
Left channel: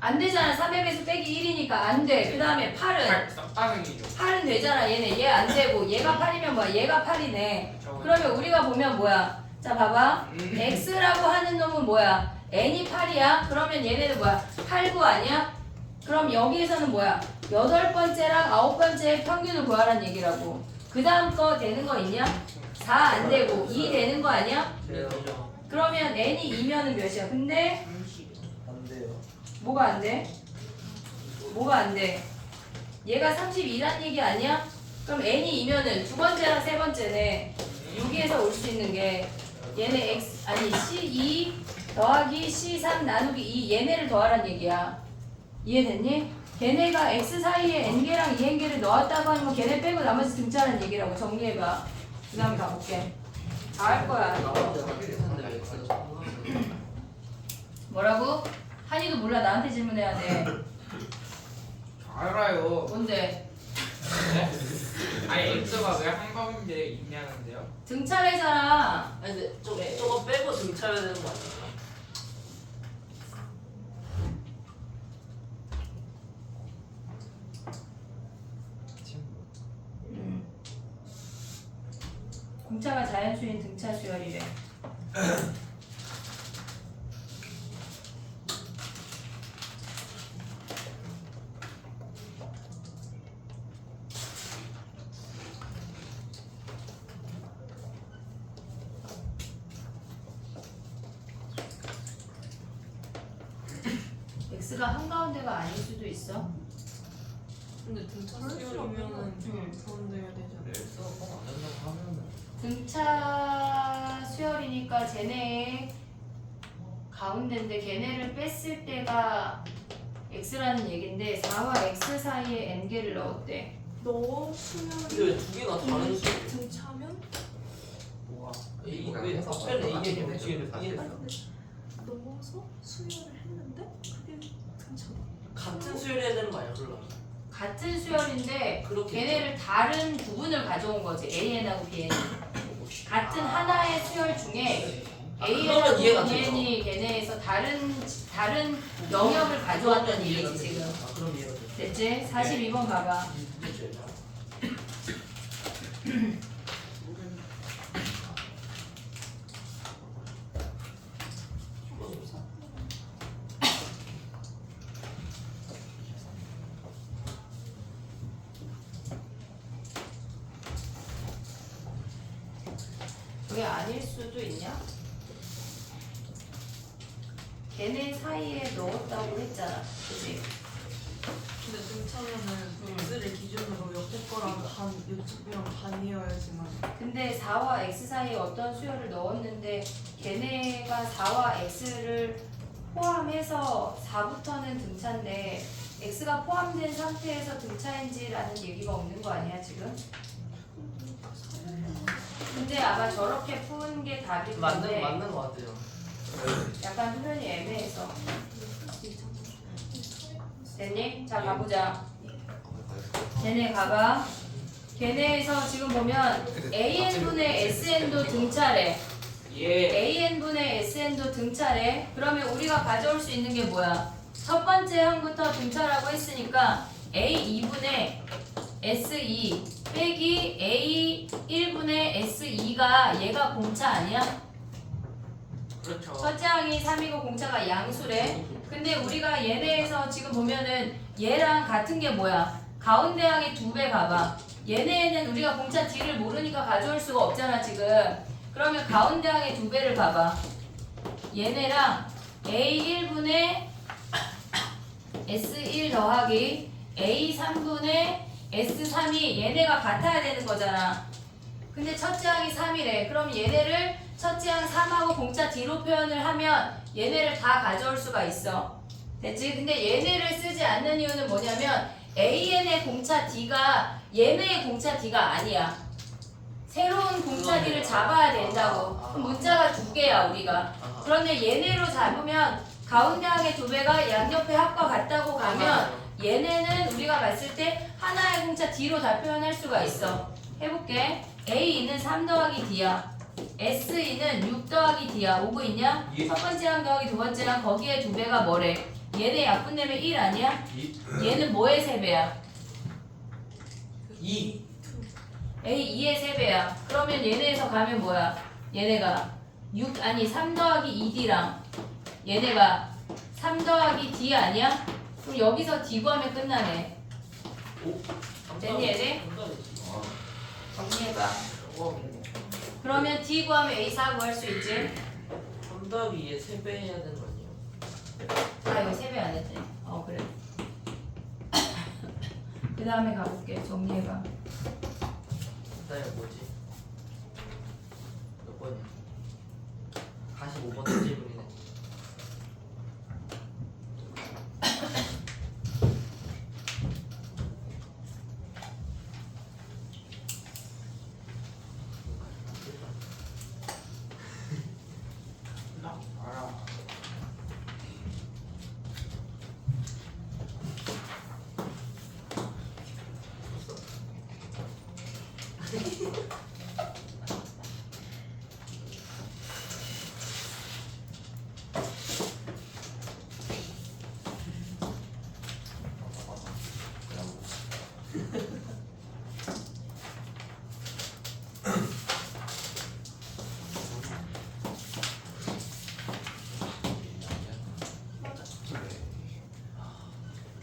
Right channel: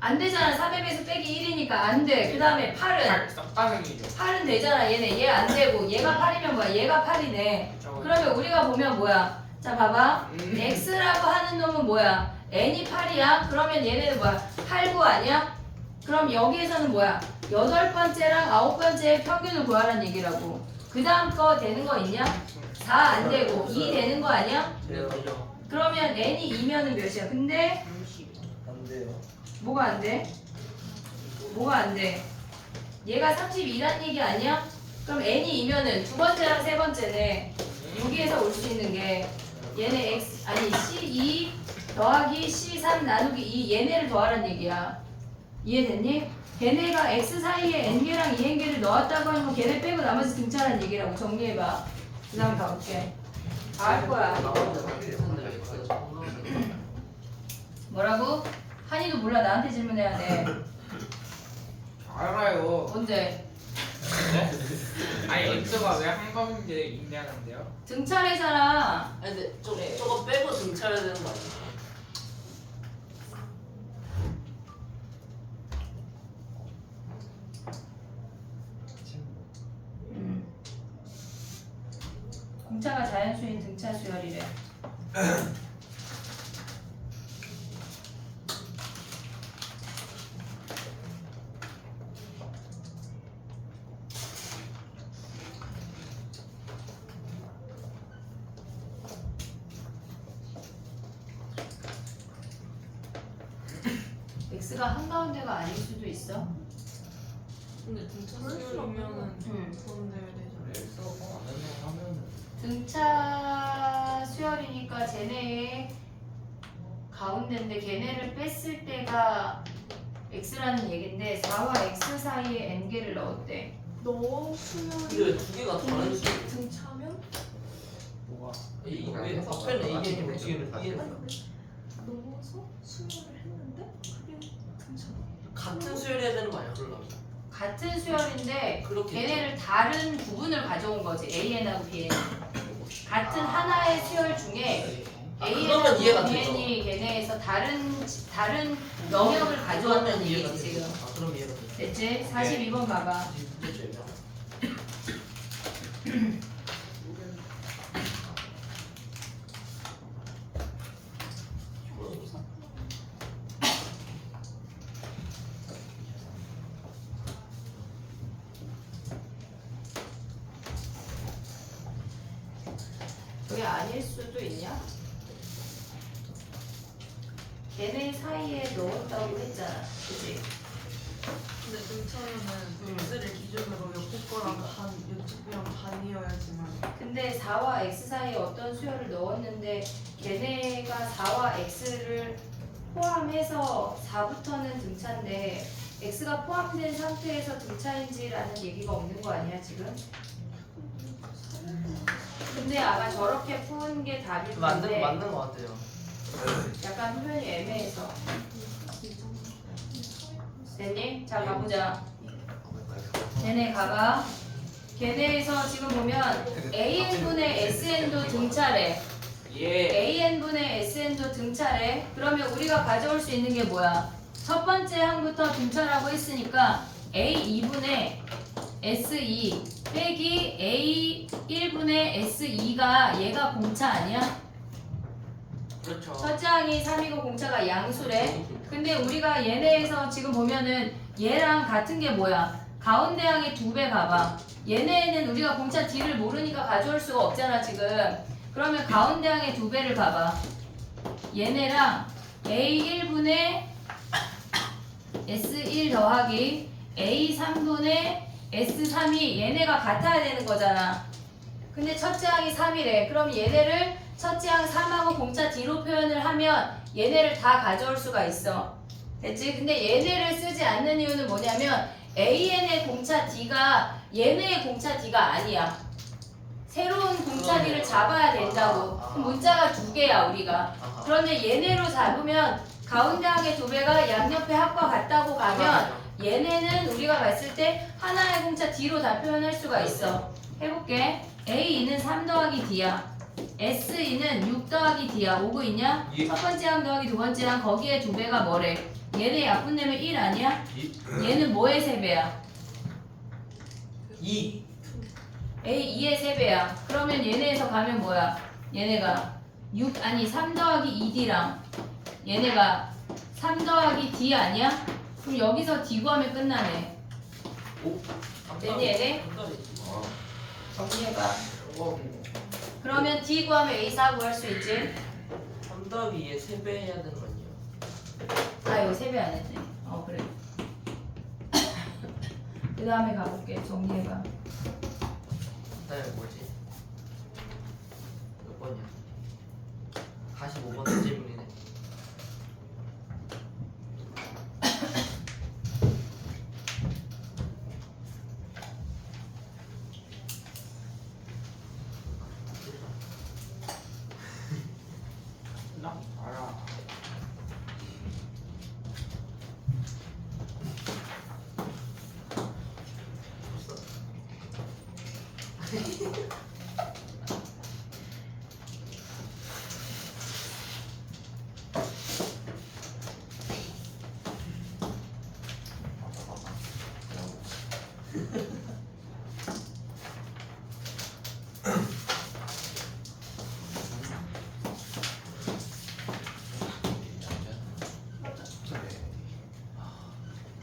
안 되잖아. 3의 배수 빼기 1이니까 안 돼. 그 다음에 8은 쌍따생이죠. 8은 되잖아. 얘네 얘 안 되고 얘가 8이면 뭐야? 얘가 8이네. 그러면 우리가 보면 뭐야? 자 봐봐. x라고 하는 놈은 뭐야? n이 8이야. 그러면 얘네는 뭐야? 8, 9 아니야? 그럼 여기에서는 뭐야? 8번째랑 9번째의 평균을 구하라는 얘기라고. 그 다음 거 되는 거 있냐? 4 안 되고 2 되는 거 아니야? 네, 되죠. 그러면 n이 2면은 몇이야? 근데 안 돼요. 뭐가 안 돼? 뭐가 안 돼? 얘가 32란 얘기 아니야? 그럼 n이 2면은 두 번째랑 세 번째네. 여기에서 올 수 있는 게 얘네 x 아니 c2 더하기 c3 나누기 2 얘네를 더하란 얘기야. 이해됐니? 걔네가 x 사이에 n개랑 2n개를 넣었다고 하는 거 걔네 빼고 나머지 등차란 얘기라고. 정리해봐. 그 다음에 가볼게. 다 할 거야. 뭐라고? 한이도 몰라. 나한테 질문해야 돼. 알아요. 언제? 아니 X가 왜 한 가운데 있냐는데요? 등차래잖아. 아니 근데 저거 빼고 등차해야 되는 거 아니야? 공차가 자연수인 등차 수열이래. x가 한가운데가 아닐 수도 있어. 근데 등차 그럴 수 수열이면은 음. 돈 내야 되잖아. X가 뻥안 된다고 하면은 등차 수열이니까 쟤네 가운데인데 걔네를 뺐을 때가 x라는 얘긴데 4와 x 사이에 n개를 넣었대. 너 근데 수면 왜 두 개가 다른 수? 등차면? 뭐가? 이거 왜 앞에는 A에 뒤에는 B에 아니 근데 넣어서 수면을 했는데 그게 등차다. 같은 수열해야 되는 거 아니야 그러려면? 같은 수열인데 그렇겠죠. 걔네를 다른 부분을 가져온 거지. AN하고 BN. 같은 하나의 수열 중에 그러면 AN하고 이해가 되죠. BN이 걔네에서 다른 영역을 가져왔다는 이해가 얘기지 되죠. 지금. 아 그럼 이해가 돼. 됐지? 42번 봐봐. 됐죠. 그게 아닐 수도 있냐? 걔네 사이에 넣었다고 했잖아. 그치? 근데 등차면은 x를 기준으로 옆에 거랑 반, 이쪽이랑 반이어야지만. 근데 4와 x 사이에 어떤 수열을 넣었는데 걔네가 4와 x를 포함해서 4부터는 등차인데 x가 포함된 상태에서 등차인지라는 얘기가 없는 거 아니야 지금? 근데 아마 저렇게 푸는 게 답일 텐데 맞는 거 같아요. 약간 표현이 애매해서. 됐니? 자 가보자. 걔네 가봐. 걔네에서 지금 보면 AN분의 SN도 등차래. 예. AN분의 SN도 등차래. 그러면 우리가 가져올 수 있는 게 뭐야? 첫 번째 항부터 등차라고 했으니까 A2분의 S2 빼기 A1분의 S2가 얘가 공차 아니야? 그렇죠. 첫째 항이 3이고 공차가 양수래. 근데 우리가 얘네에서 지금 보면은 얘랑 같은 게 뭐야? 가운데 항이 2배 봐봐. 얘네는 우리가 공차 D를 모르니까 가져올 수가 없잖아 지금. 그러면 가운데 항의 2배를 봐봐. 얘네랑 A1분의 S1 더하기 A3분의 S3이 얘네가 같아야 되는 거잖아. 근데 첫째 항이 3이래. 그럼 얘네를 첫째 항 3하고 공차 D로 표현을 하면 얘네를 다 가져올 수가 있어. 됐지? 근데 얘네를 쓰지 않는 이유는 뭐냐면 AN의 공차 D가 얘네의 공차 D가 아니야. 새로운 공차 D를 잡아야 된다고. 그럼 문자가 2개야 우리가. 그러면 얘네로 잡으면 가운데 항의 2배가 양옆의 합과 같다고 가면 얘네는 우리가 봤을 때 하나의 공차 D로 다 표현할 수가 있어. 해볼게. A2는 3 더하기 D야. S2는 6 더하기 D야. 오고 있냐? 예. 첫 번째 항 더하기 두 번째 항 거기에 2배가 뭐래? 얘네 약분되면 1 아니야? 얘는 뭐의 3배야? 2. A2의 3배야. 그러면 얘네에서 가면 뭐야? 얘네가 3 더하기 2D랑 얘네가 3 더하기 D 아니야? 그럼 여기서 D 구하면 끝나네. 오. 됐니 얘네? 정리해봐. 그러면 D 구하면 A4 구할 수 있지? 3 더하기 2에 3배 해야 되는 거 아니에요? 아 이거 3배 안 했네. 그래. 그 다음에 가볼게. 정리해봐. 그다음에 뭐지? 몇 번이야? 45번 질문이네. 나 알아.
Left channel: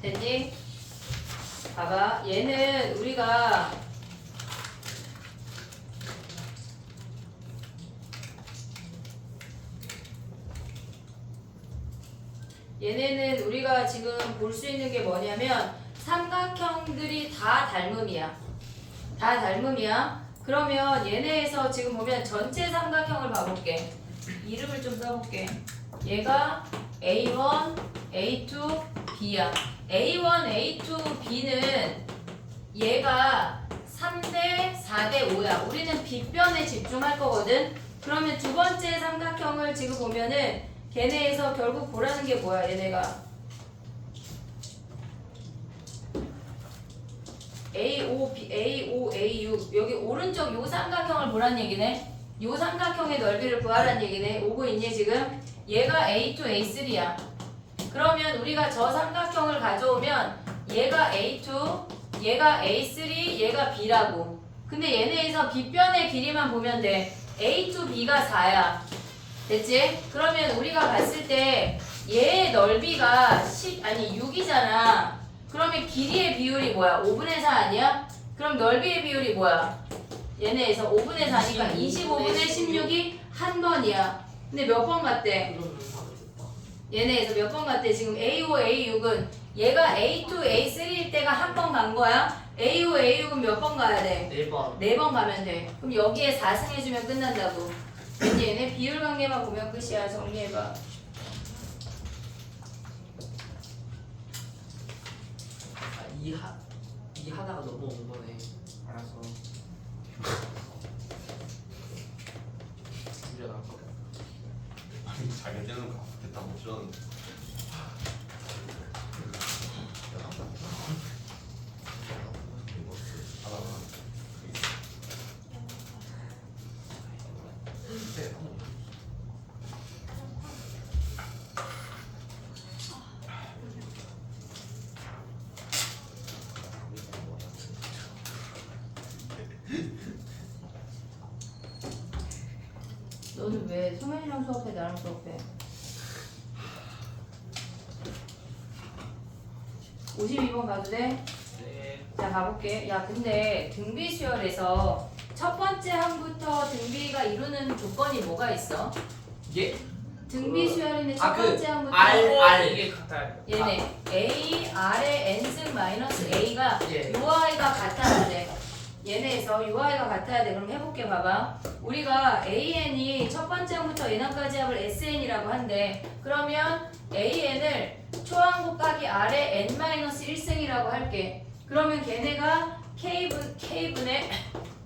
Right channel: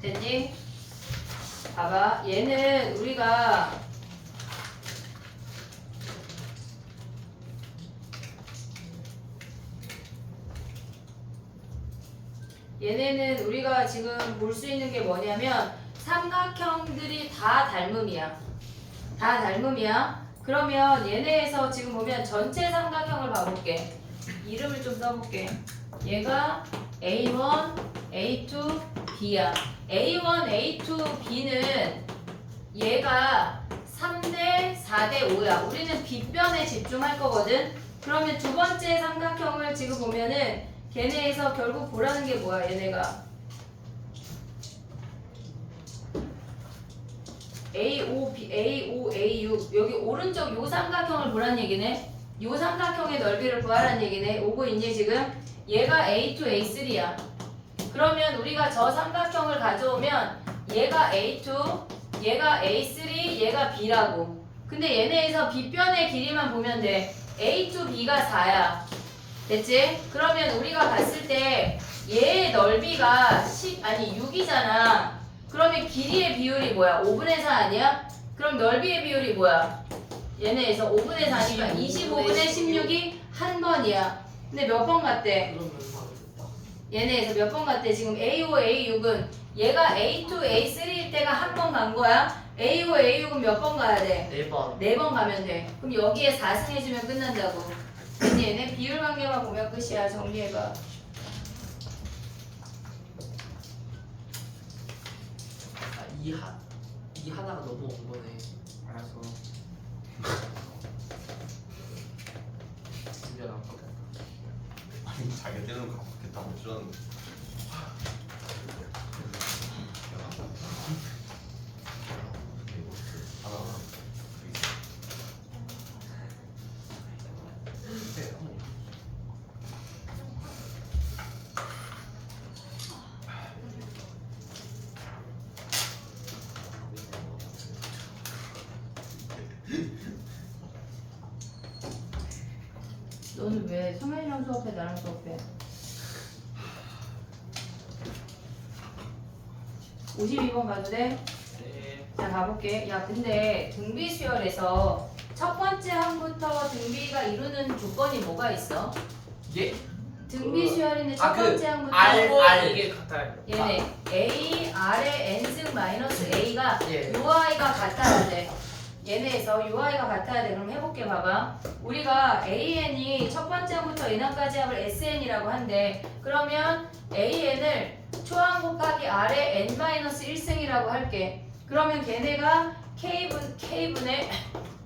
됐니? 봐봐. 얘는 우리가 얘네는 우리가 지금 볼 수 있는 게 뭐냐면 삼각형들이 다 닮음이야. 다 닮음이야. 그러면 얘네에서 지금 보면 전체 삼각형을 봐볼게. 이름을 좀 써볼게. 얘가 A1, A2, B야. A1, A2, B는 얘가 3대 4대 5야. 우리는 B변에 집중할 거거든. 그러면 두 번째 삼각형을 지금 보면은 걔네에서 결국 보라는 게 뭐야? 얘네가 A5, B, A5, A6 여기 오른쪽 요 삼각형을 보란 얘기네. 요 삼각형의 넓이를 구하란 얘기네. 오고 있니 지금? 얘가 A2, A3야. 그러면 우리가 저 삼각형을 가져오면 얘가 A2, 얘가 A3, 얘가 B라고. 근데 얘네에서 B변의 길이만 보면 돼. A2, B가 4야. 됐지? 그러면 우리가 봤을 때 얘의 넓이가 6이잖아. 그러면 길이의 비율이 뭐야? 5분의 4 아니야? 그럼 넓이의 비율이 뭐야? 얘네에서 5분의 4니까 25분의 16이 한 번이야. 근데 몇 번 갔대? 얘네에서 몇 번 갔대? 지금 A5, A6은 얘가 A2, A3일 때가 한 번 간 거야. A5, A6은 몇 번 가야 돼? 4번. 4번 가면 돼. 그럼 여기에 4승 해주면 끝난다고. 이제 얘네 비율 관계만 보면 끝이야. 정리해봐. 이 하나가 너무 온 거네. 알았어. 문제가. 아니 자기들은 갚겠다고 들었는데 너는 왜 수면이랑 수업해 나랑 수업해? 52번 가도 돼? 네. 자 가볼게. 야 근데 등비 수열에서 첫 번째 항부터 등비가 이루는 조건이 뭐가 있어? 예? 등비 수열인데 첫 아, 그 번째 항부터 R. 이게 같아야 돼. 얘네 A, R의 n승 마이너스 A가 예. 요 아이가 같아야 돼. 얘네에서 요 아이가 같아야 돼. 그럼 해볼게 봐봐. 우리가 AN이 첫 번째 항부터 인항까지 합을 SN이라고 한대. 그러면 AN을 초항 곱하기 R의 n-1승이라고 할게. 그러면 걔네가 K분의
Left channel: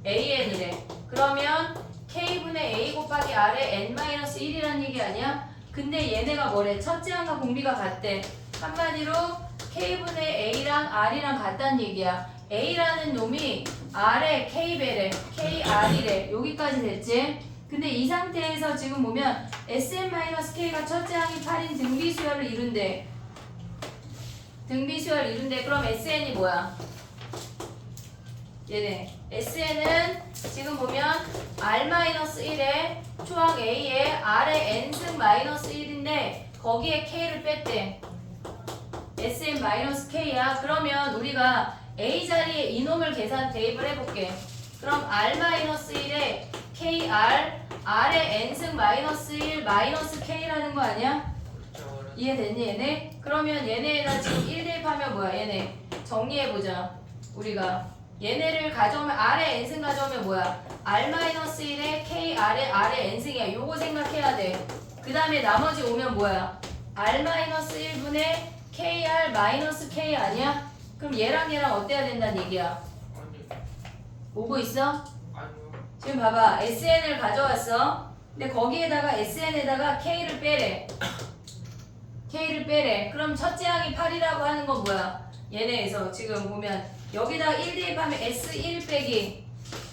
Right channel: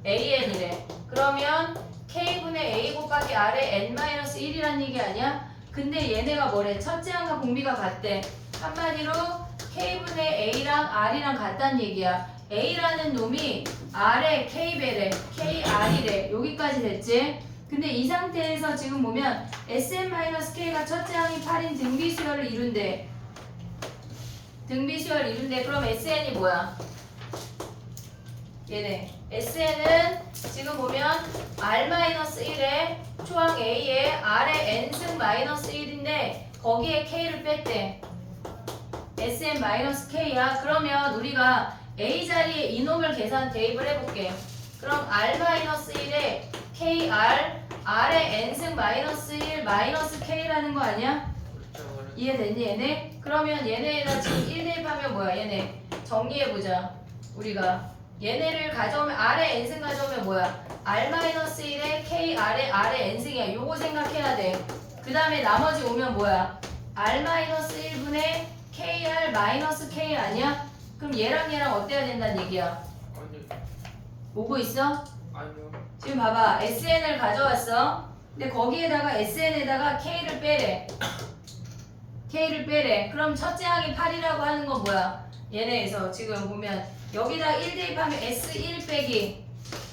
AN이래. 그러면 K분의 A 곱하기 R의 n-1이란 얘기 아니야? 근데 얘네가 뭐래? 첫째 항과 공비가 같대. 한마디로 K분의 A랑 R이랑 같다는 얘기야. A라는 놈이 R의 K배래, KR이래. 여기까지 됐지? 근데 이 상태에서 지금 보면 SM-K가 첫째 항이 8인 등비수열을 이룬대. 등비수열을 이룬대. 그럼 SN이 뭐야? 얘네. SN은 지금 보면 R-1에 초항 A에 R의 n승 마이너스 1인데 거기에 K를 뺐대. SM-K야. 그러면 우리가 A 자리에 이놈을 계산 대입을 해볼게. 그럼 R-1에 KR, R의 n승 마이너스 1 마이너스 K라는 거 아니야? 이해됐니 얘네? 그러면 얘네가 지금 1 대입하면 뭐야 얘네? 정리해보자. 우리가 얘네를 가져오면 R의 n승 가져오면 뭐야? R-1에 KR의 R의 n승이야. 요거 생각해야 돼. 그 다음에 나머지 오면 뭐야? R-1분의 KR-K 아니야? 그럼 얘랑 얘랑 어때야 된다는 얘기야? 아니, 오고 있어? 아니요. 지금 봐봐. SN을 가져왔어. 근데 거기에다가 SN에다가 K를 빼래. K를 빼래. 그럼 첫째 항이 8이라고 하는 건 뭐야? 얘네에서 지금 보면 여기다가 1 대입하면 S1 빼기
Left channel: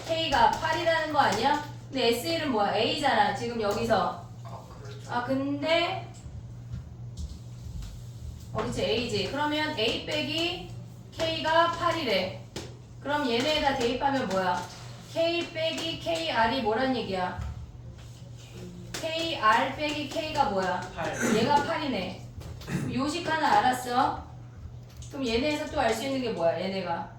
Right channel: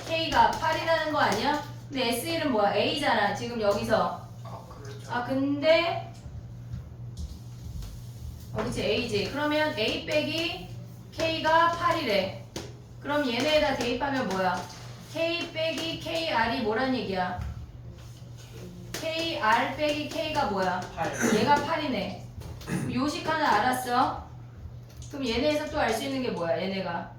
K가 8이라는 거 아니야? 근데 S1은 뭐야? A잖아. 지금 여기서. 그렇죠. 아 근데 그치 A지. 그러면 A 빼기 K가 8이래. 그럼 얘네에다 대입하면 뭐야? K 빼기 KR이 뭐란 얘기야? KR 빼기 K가 뭐야? 8. 얘가 8이네. 요식 하나 알았어? 그럼 얘네에서 또 알 수 있는 게 뭐야? 얘네가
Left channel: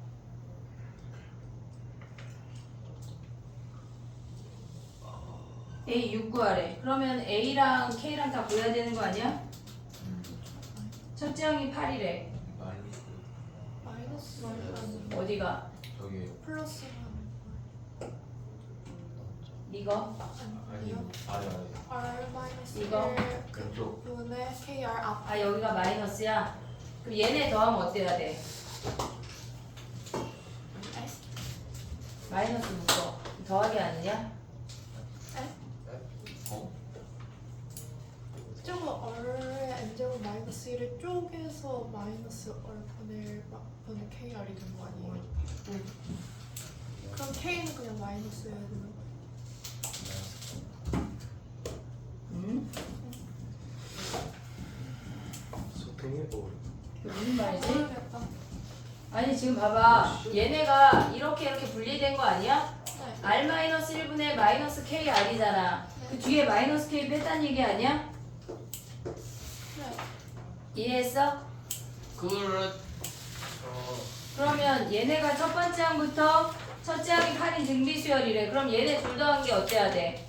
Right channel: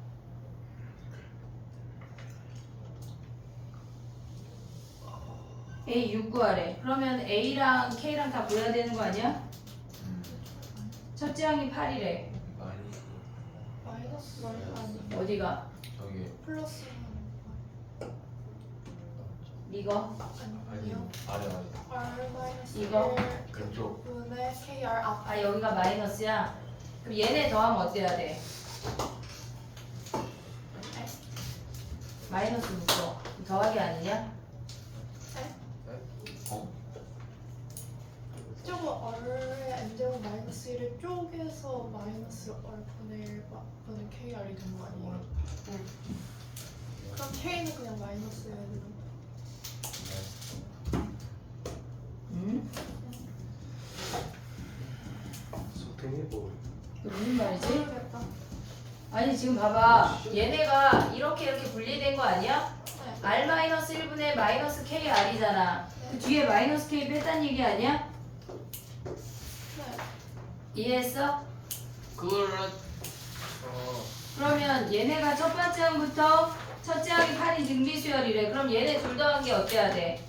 A 6 구하래. 그러면 A랑 K랑 다 구해야 되는 거 아니야? 첫째 항이 8이래. 많이 플러스 아니 어디가? 저기 플러스 이거? 아니요. 아래 R 마이너스 이거? 1 왼쪽. 분의 KR 앞. 아 여기가 마이너스야? 그럼 얘네 더하면 어때야 돼? 마이너스 묶어. 더하기 아니냐? 어? 저거 R의 N제곱 마이너스 1을 쪼개서 마이너스 R 분의 KR이 된 거 아니에요? 응. 그럼 K는 그냥 마이너스 해야 되는 거예요? 응? 소통해보. 이게 무슨 말이지? 모르겠다. 아니 지금 봐봐. 얘네가 이렇게 분리된 거 아니야? 네. R-1분의 마이너스 KR이잖아. 그 뒤에 마이너스 K 뺐다는 얘기 아니야? 네. 이해했어? 그거를 그러면 얘네가 첫 번째 항부터 첫째 항이 8인 등비수열이래. 그럼 얘네 둘 더한 게 어때야 돼?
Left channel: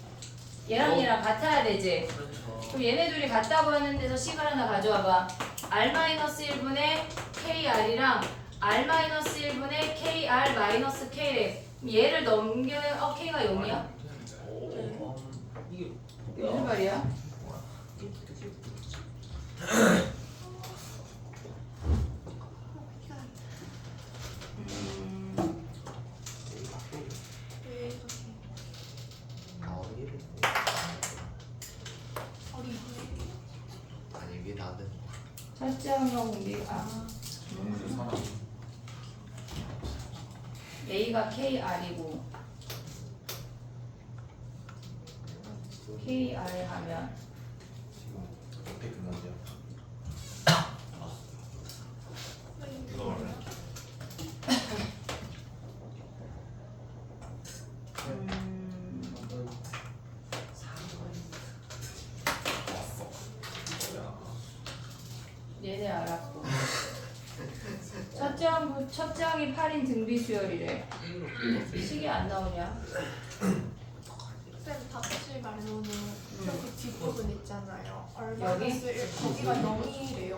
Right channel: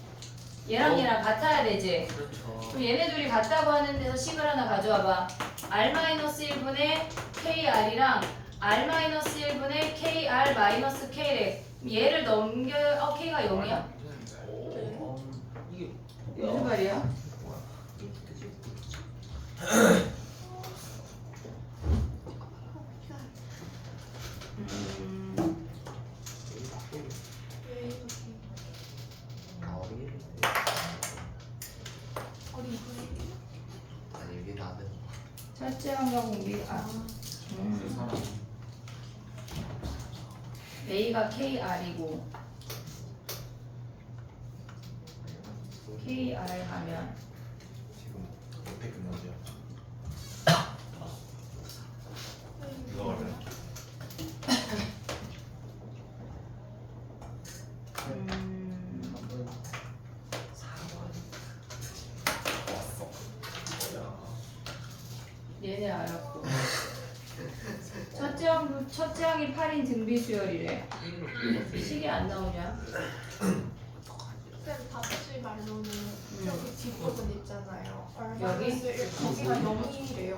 얘랑 얘랑 같아야 되지. 그렇죠. 그럼 얘네 둘이 같다고 하는 데서 식을 하나 가져와봐. R-1분의 KR이랑 R-1분의 KR-K래. 얘를 넘겨, K가 0이야? 이게 무슨 말이야? 왜 이렇게 어리 아니 이게 나는 첫째 항과 공비, A가 KR이고 KR 하면 지금 어떻게 끝났냐? 이거 말해. 얘네 알았고 첫째 항이 8인 등비수열이래. 식이 안 나오냐? 쌤 다시 말로는 여기 뒷부분 있잖아요. 여기? 마이너스 1 거기가 0이래요.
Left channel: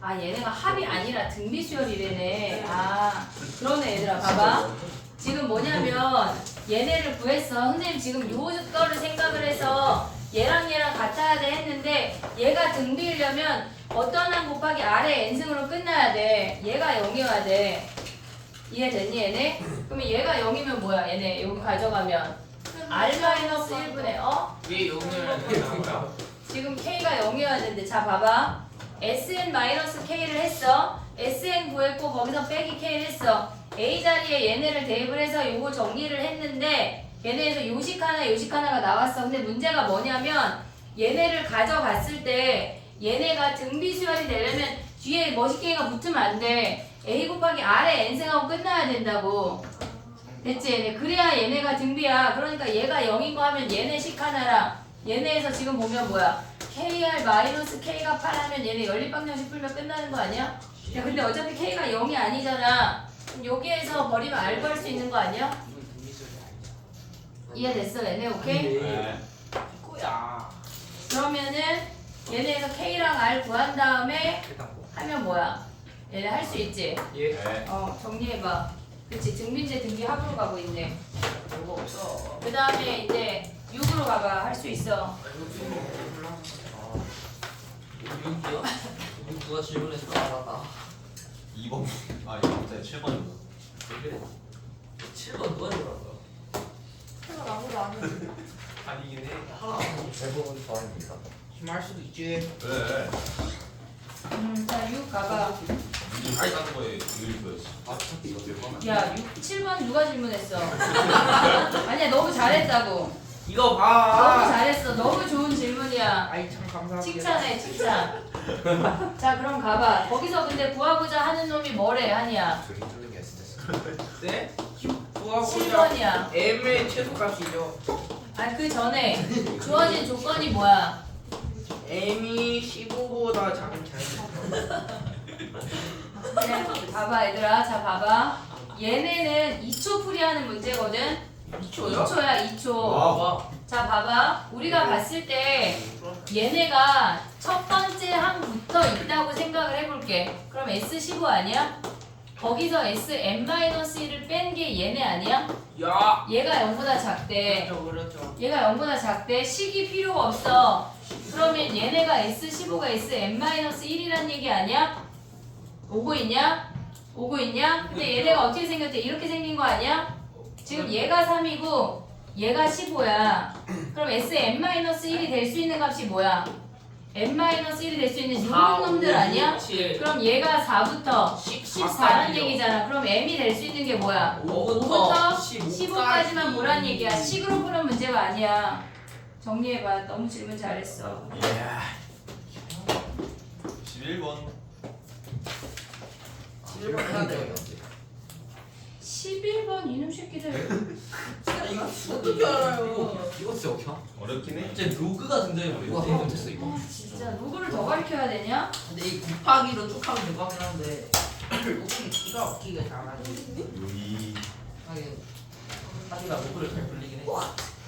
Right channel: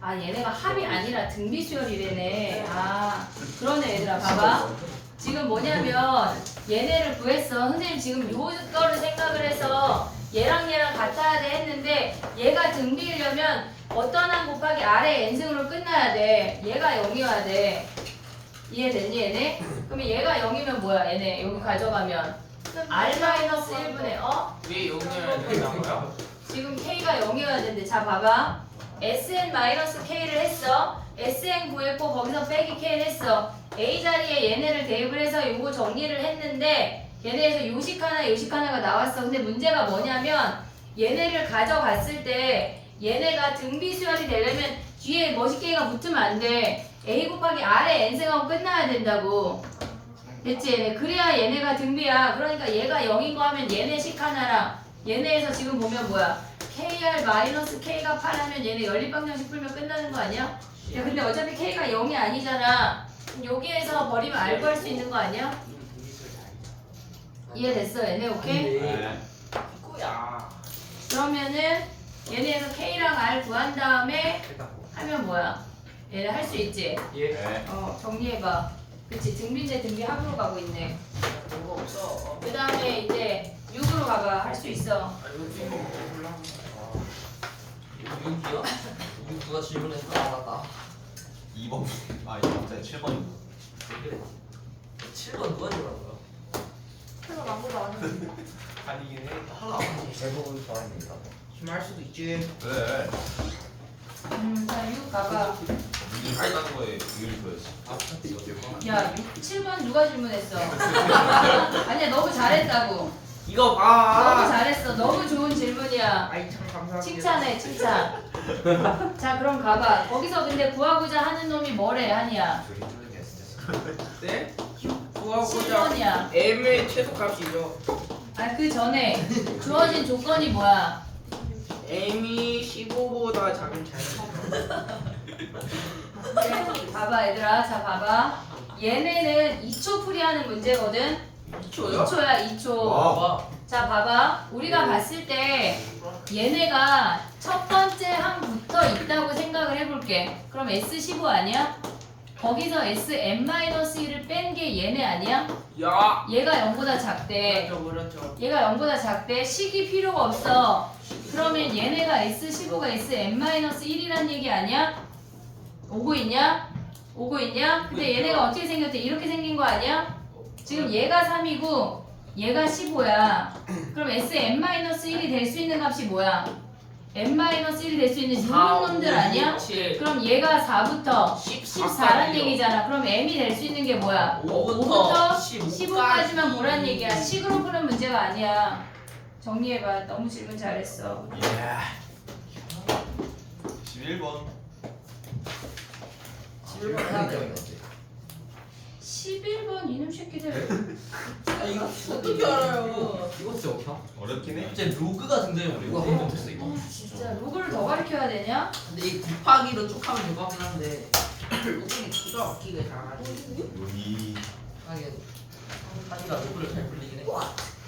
아 얘네가 합이 아니라 등비수열이래네. 아 그러네 얘들아 봐봐. 지금 뭐냐면 얘네를 구했어. 선생님 지금 요거를 생각을 해서 얘랑 같아야 돼 했는데 얘가 등비이려면 어떤 항 곱하기 아래 n승으로 끝나야 돼. 얘가 0이어야 돼. 이해됐니 얘네? 그러면 얘가 0이면 뭐야 얘네 여기 가져가면 R-1분의 왜 여기를 되니까? 지금 K가 0이어야 되는데 자 봐봐 SN-K를 했어. SN 구했고 거기서 빼기 K를 했어. A 자리에 얘네를 대입을 해서 요거 정리를 했는데 얘네에서 요식 하나가 나왔어. 근데 문제가 뭐냐면 얘네를 가져갔을 때 얘네가 등비수열이 되려면 뒤에 머시게이가 붙으면 안 돼. A 곱하기 R에 N승하고 끝나야 된다고. 됐지? 얘네. 그래야 얘네가 등비야. 그러니까 얘가 0인 거 하면 얘네 식 하나랑 얘네에서 지금 보면 뭐야? KR-K가 8하면 얘네 연립방정식 풀면 끝나는 거 아니야? 야 근데 어차피 K가 0이 아니잖아. 그럼 여기에서 버리면 R 구할 수 있는 거 아니야? 이해됐어 얘네 오케이? 네. 이거야. 그러면은 얘네에서 K랑 R 구한 다음에 하면 뭐야? 얘네 할 수 있지? 예. 네. 정리해봐. 그치 등비인데 등비 합으로 가고 있네. 별거 없어. 그 다음에 이제 6으로 가봐. 할 수 있어. 여기요? 누가 질문했어? 나다. 2번. 아 이거 갑자기 7번입니다. 왜 그래? 7번 누가 들어간 그거 아무도 안 했는데. 아니긴 해. 대부분 사람입니다. 심할 수도 있지. 그래. 자 6 가봐. 미리 할 같은 거에 이유를 보였어. 야 7번 누가 질문했어? 아니야 너무 잘했다고. 이거 너무 봐. 잘했어. 너무 좋은 질문이야. 아이 참 감사합니다. 칭찬해 칭찬. 자 그럼 가봐. 거기서 근데 구하고자 하는 놈이 뭐래 한이야? 네? 구하고자 7번이야. M의 최소값이죠. 아니 그 전에 주어진 조건이 뭐야? M이 15보다 작은 차이. 그래 봐봐 얘들아. 자 봐봐. 얘네는 2초 풀이하는 문제거든. 2초요? 2초야 2초. 와. 자 봐봐. 우리가 봤을 때 얘네가 첫 번째 항부터 있다고 생각을 해볼게. 그럼 S15 아니야? 거기서 SM-1을 뺀 게 얘네 아니야? 야. 얘가 0보다 작대. 그렇죠. 얘가 0보다 작대. 식이 필요가 없어. 그러면 얘네가 S15가 SM-1이란 얘기 아니야? 오고 있냐? 오고 있냐? 근데 얘네가 어떻게 생겼대? 이렇게 생긴 거 아니야? 지금 얘가 3이고 얘가 15야. 그럼 SM-1이 될 수 있는 값이 뭐야? n-1이 될 수 있는 요런 놈들 아니야? 그럼 얘가 4부터 14란 얘기잖아. 그럼 m이 될 수 있는 게 뭐야? 5부터 15까지만 보란 얘기야. 식으로 푸는 문제가 아니야. 정리해봐. 너무 질문 잘했어. 11번. 11번 이놈 새끼들. 이거 어떻게 알아요? 이거 진짜 어떻게? 어렵긴 해. 이제 로그가 등장해버려. 이거 되게 못했어 이거. 진짜 로그를 더 가르쳐야 되냐? 근데 이 곱하기도 쪽하기 될것 같긴 한데. 로그는 기가 막히게 잘하지. 여기 하기가 로그를 잘 돌리긴 해.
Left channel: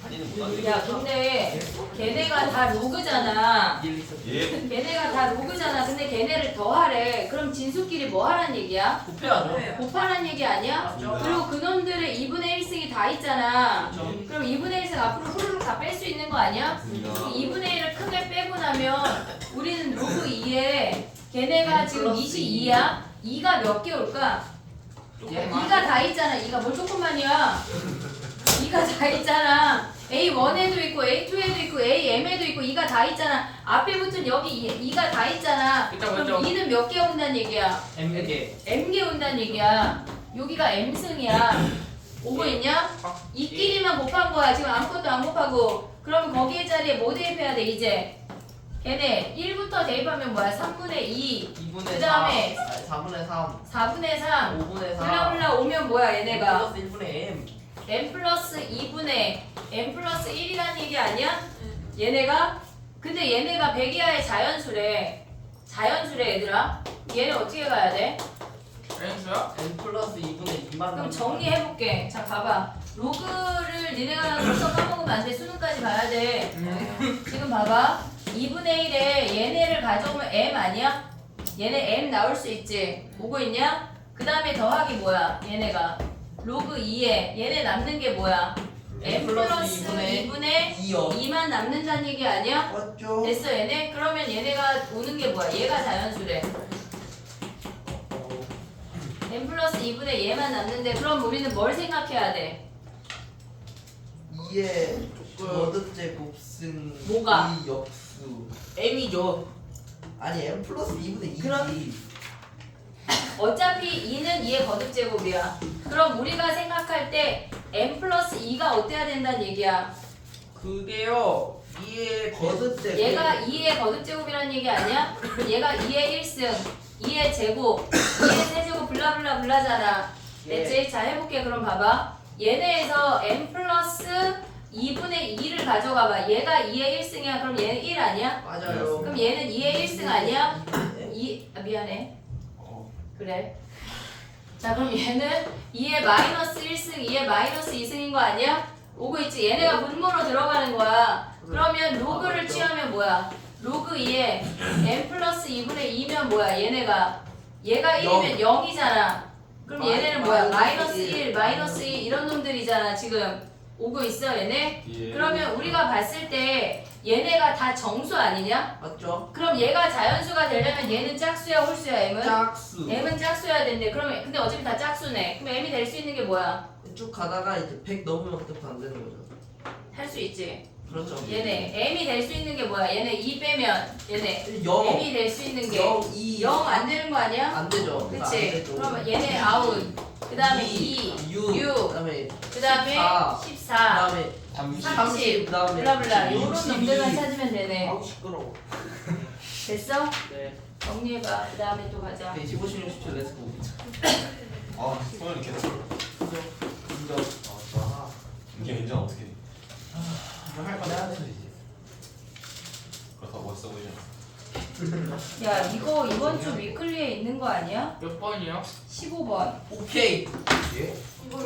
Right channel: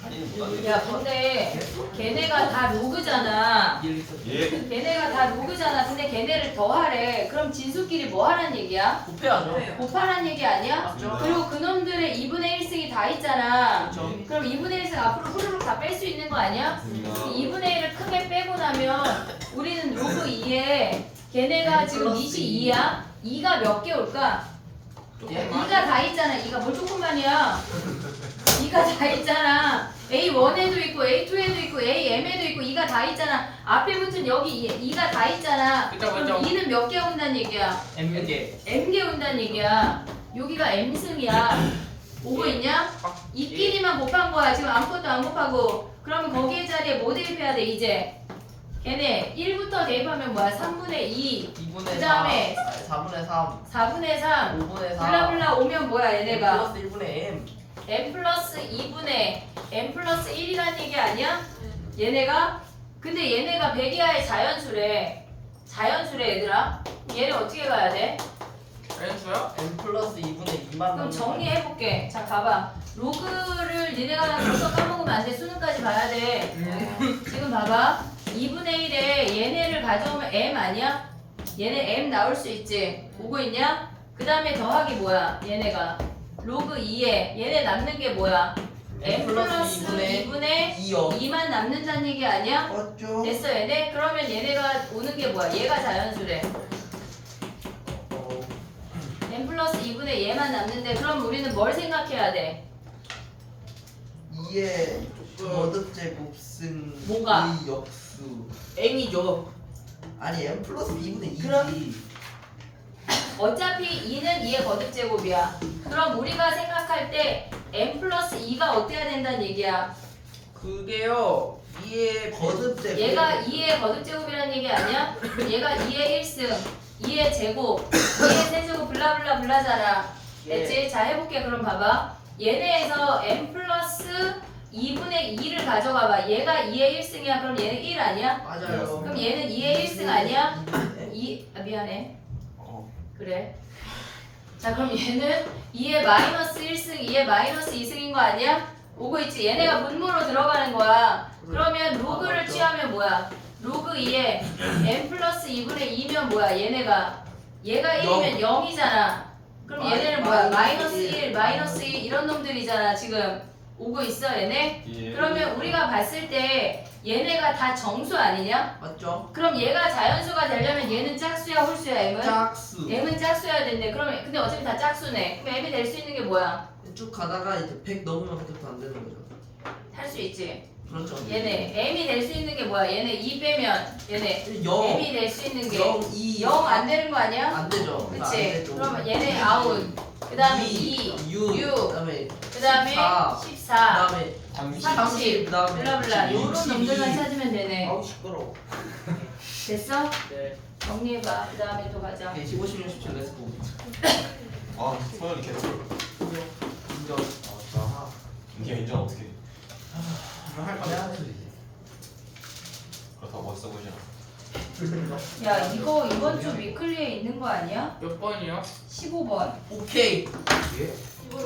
할인은 못 하네. 야 근데 걔네가 다 로그잖아. 예. 걔네가 다 로그잖아. 근데 걔네를 더하래. 그럼 진수끼리 뭐 하란 얘기야? 곱해야죠. 곱하란 얘기 아니야? 맞죠? 그리고 그놈들의 2분의 1승이 다 있잖아. 그렇죠. 그럼 2분의 1승 앞으로 후루룩 다 뺄 수 있는 거 아니야? 2분의 1을 크게 빼고 나면 우리는 로그 2에 걔네가 지금 22야? 2가 몇 개 올까? 예. 2가 다 있잖아. 2가 뭘 조금만이야? 2가 다 있잖아. A1에도 있고 A2에도 있고 AM에도 있고 2가 다 있잖아. 앞에 붙은 여기 2가 다 있잖아. 그럼 2는 몇 개 온다는 얘기야? M개. M개 온다는 얘기야. 여기가 M승이야. 오고 있냐? 이끼리만 곱한 거야. 지금 아무것도 안 곱하고. 그러면 거기에 자리에 뭐 대입해야 돼 이제? 걔네 1부터 대입하면 뭐야? 3분의 2 2분의 그다음에 4분의 3. 4분의 3 5분의 4. 블라블라 오면 뭐야 얘네가? 플러스 1분의 M. n 플러스 2분의 n 플러스 1이란 얘기 아니야? 얘네가? 근데 얘네가 100 이하의 자연수래. 자연수래 얘들아. 얘네 어떻게 가야 돼? 알겠어요? M 플러스 2분의 2만. 그럼 정리해볼게. 자 봐봐. 로그를 니네가 벌써 까먹으면 안 돼. 수능까지 봐야 돼. 지금 봐봐. 2분의 1에 얘네를 가져오면 m 아니야? 얘네 m 나올 수 있지. 보고 있냐? 그 다음에 더하기 뭐야? 얘네가 로그 2에 얘네 남는 게 뭐야? m 플러스 2분의 2만 남는다는 얘기 아니야? 맞죠? 됐어 얘네? 그러면 얘네가 오는 게 뭐야? 얘가 자연수래. n 플러스 2분의 얘만 남는데 그럼 우리는 뭘 생각해야 돼? 2의 거듭제 곱승. 뭐가? 이 역수. M이죠. 아니 M 플러스 2분의 2. 그럼- 어차피 2는 2의 거듭제곱이야. 그럼 우리가 생각할 때 n 플러스 2가 어때야 된다는 얘기야? 그게요. 이에 거듭제. 얘가 2의 거듭제곱이라는 얘기 아니야? 얘가 2의 1승, 2의 제곱, 2의 세제곱 블라블라 블라잖아. 됐지? 자 해볼게. 그럼 봐봐. 얘네에서 n 플러스 2분의 2를 가져가봐. 얘가 2의 1승이야. 그럼 얘는 1 아니야? 맞아요. 그럼 얘는 2의 1승 아니야? 미안해. 그래. 자 그럼 얘는 2의 마이너스 1승, 2의 마이너스 2승인 거 아니야? 오고 있지? 얘네가 분모로 들어가는 거야. 그러면 로그를 취하면 뭐야? 로그 2에 n 플러스 2분의 2면 뭐야? 얘가 1이면 0이잖아. 그럼 얘네는 뭐야? 마이너스 1, 마이너스 2 이런 놈들이잖아. 지금 오고 있어 얘네? 예. 그러면 우리가 봤을 때 얘네가 다 정수 아니냐? 맞죠? 그럼 얘가 자연수가 되려면 얘는 짝수야 홀수야 m은? 짝수. m은 짝수여야 된대. 그러면 근데 어차피 다 짝수네. 그럼 m이 될 수 있는 게 뭐야? 쭉 가다가 이제 100 넘으면 그때부터 안 되는 거죠. 할 수 있지. 그렇죠. 얘네 m이 될 수 있는 게 뭐야? 얘네 2 빼면 얘네 0. m이 될 수 있는 게 0, 2. 0 안 되는 거 아니야? 안 되죠. 안 그치? 되죠. 그러면 얘네 아웃. 그 다음에 2, 6. 6. 그다음에 그 다음에 14. 14, 그다음에 30, 그다음에 블라블라. 요런 62. 놈들만 찾으면 되네. 아우 시끄러워. 됐어? 네. 정리해봐. 그 다음에 또 가자. 15, 16, 17 렛츠고. 아, 소연이 계속. 인정. 아, 인정 어떻게 해? 이거 할 거야. 그렇다고 멋있어 보이지 않아. 야 이거 이번 주 위클리에 있는 거 아니야? 몇 번이요? 15번. 오케이. 예?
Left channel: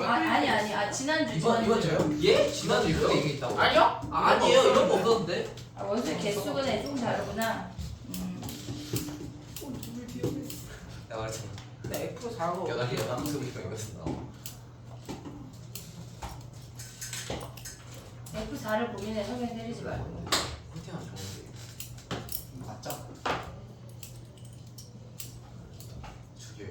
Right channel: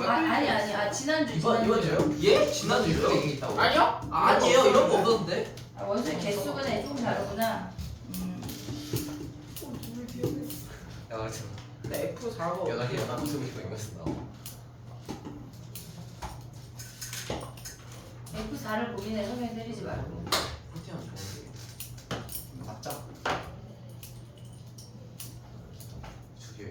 아니 지난주 이번 주요? 예? 지난주 이렇게 얘기했다고. 아니요? 아니에요. 이런 거 없었는데. 아, 원수 개수가 좀 다르구나. 나 말했잖아. 네, F4가 여덟 개 여덟 개부터 이겼어. F4를 고민해 성경 때리지 말고. 포티는 좋은데. 맞자. 죽여요.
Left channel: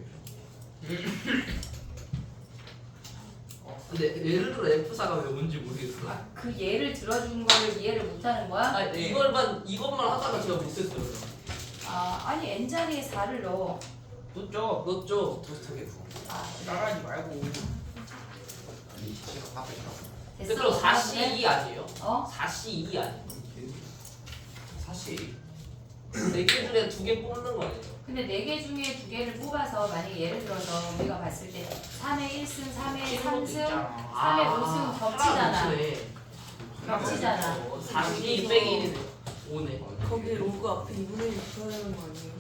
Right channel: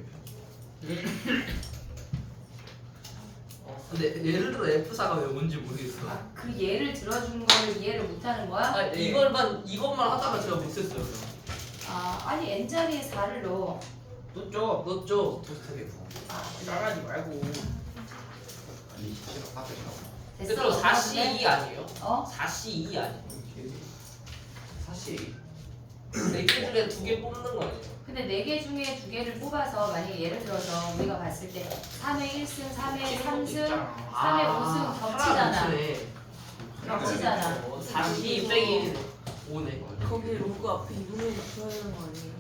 근데 예를 들어 F4가 왜 뭔지 모르겠어. 아, 그 예를 들어준 거를 이해를 못하는 거야? 아 이것만 하다가 제가 못했어요. 아니 n 자리에 4를 넣어. 놓죠. 넣었죠. 토스트게 구워. 나가지 말고. 이 시간 카페 가. 그럼 4C2 아니에요? 어? 4C2 아니에요? 사실 4개 중에 2개 뽑는 거 아니에요? 근데 4개 중에 2개를 뽑아서 만약에 예를 들어서 우리가 봤을 때 3회 1승, 3회 3승, 3회 5승 겹치잖아. 겹치잖아. 4C 빼기 5네. 거기 로그 앞에 2분의 1 붙어야 되는 거 아니에요?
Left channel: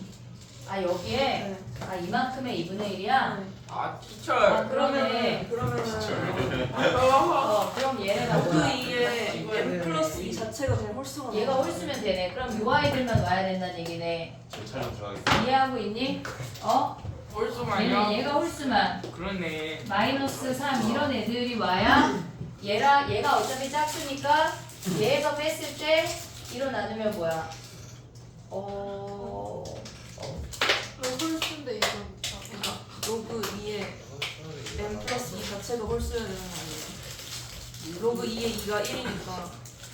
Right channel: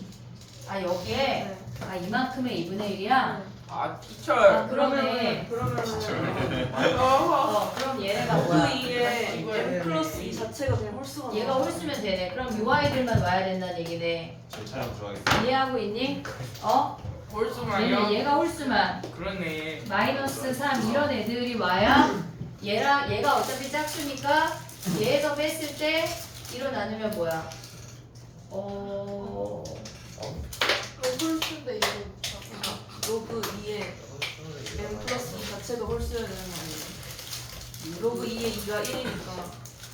아 여기에 네. 이만큼의 2분의 1이야? 아, 티처. 그러면은 그럼 얘네가 로그 뭐야? 2에 m 플러스 2 자체가 그냥 홀수가 얘가 나와요. 홀수면 되네. 그럼 요 아이들만 와야 된다는 얘기네. 제 촬영 들어가겠습니다. 이해하고 있니? 어? 홀수만요? 얘가 홀수만 그렇네. 마이너스 3 이런 애들이 와야 얘가 어차피 짝수니까 얘에서 뺐을 때 1로 나누면 뭐야? 홀수인데 이거 그러니까 로그 2에 m 플러스 2 자체가 홀수여야 되는 거예요. 로그 2에 2가 1이니까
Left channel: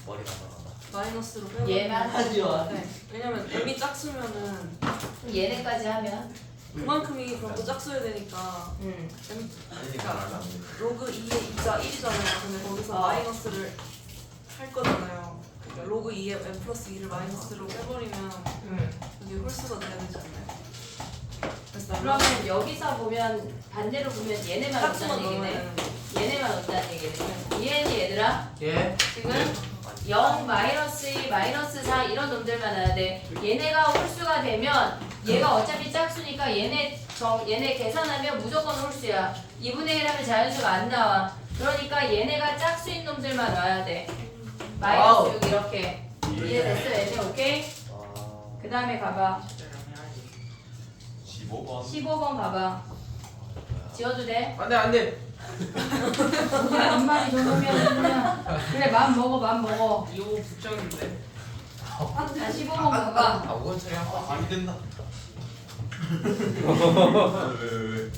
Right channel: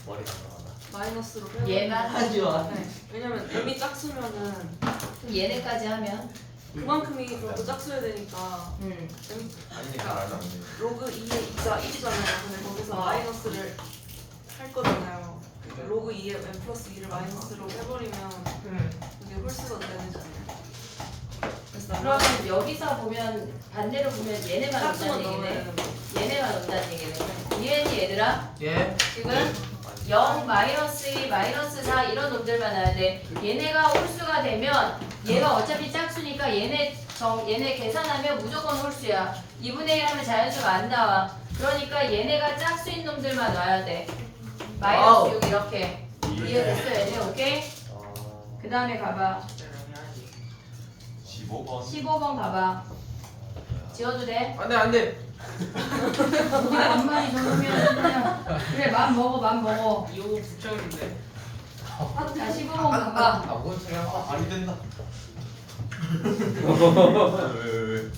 머리가 나간다. 마이너스로 빼면 얘가 하지 마. 네. 왜냐면 m이 짝수면은 그럼 얘네까지 하면 그만큼이 그럼 또 짝수여야 되니까 m 아니 잘하지 않네. 로그 2에 2가 1이잖아요. 근데 거기서 마이너스를 할 거잖아요. 그러니까 로그 2에 m 플러스 2를 마이너스로 빼버리면 그게 홀수가 되잖아요. 그래서 그러면 여기서 보면 반대로 보면 얘네만 짝수만 없다는 넣으면 얘기네. 되는 얘네만 없다는 얘기네. 이해했니 얘들아? 예. 지금 0, 마이너스 2, 마이너스 4 이런 놈들만 와야 돼. 얘네가 홀수가 되면 얘가 어차피 짝수니까 얘네 계산하면 무조건 홀수야. 2분의 1 하면 자연수가 안 나와. 그러니까 얘네가 짝수인 놈들만 와야 돼. 와우. 마이너스 6 이렇게. 이해됐어 얘네 오케이? 그 다음에 가봐. 15번. 15번 가봐. 지워도 돼? 안 돼. 누가 엄마이 좋으면 그냥 그래 맘 먹어. 이거 붙였는데. 자 15번 가봐. 뭔 소리 한 번. 말이 된다. 왜?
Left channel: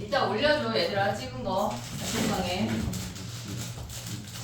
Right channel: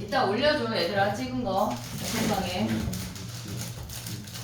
이따 올려줘 얘들아 찍은 거 단톡방에.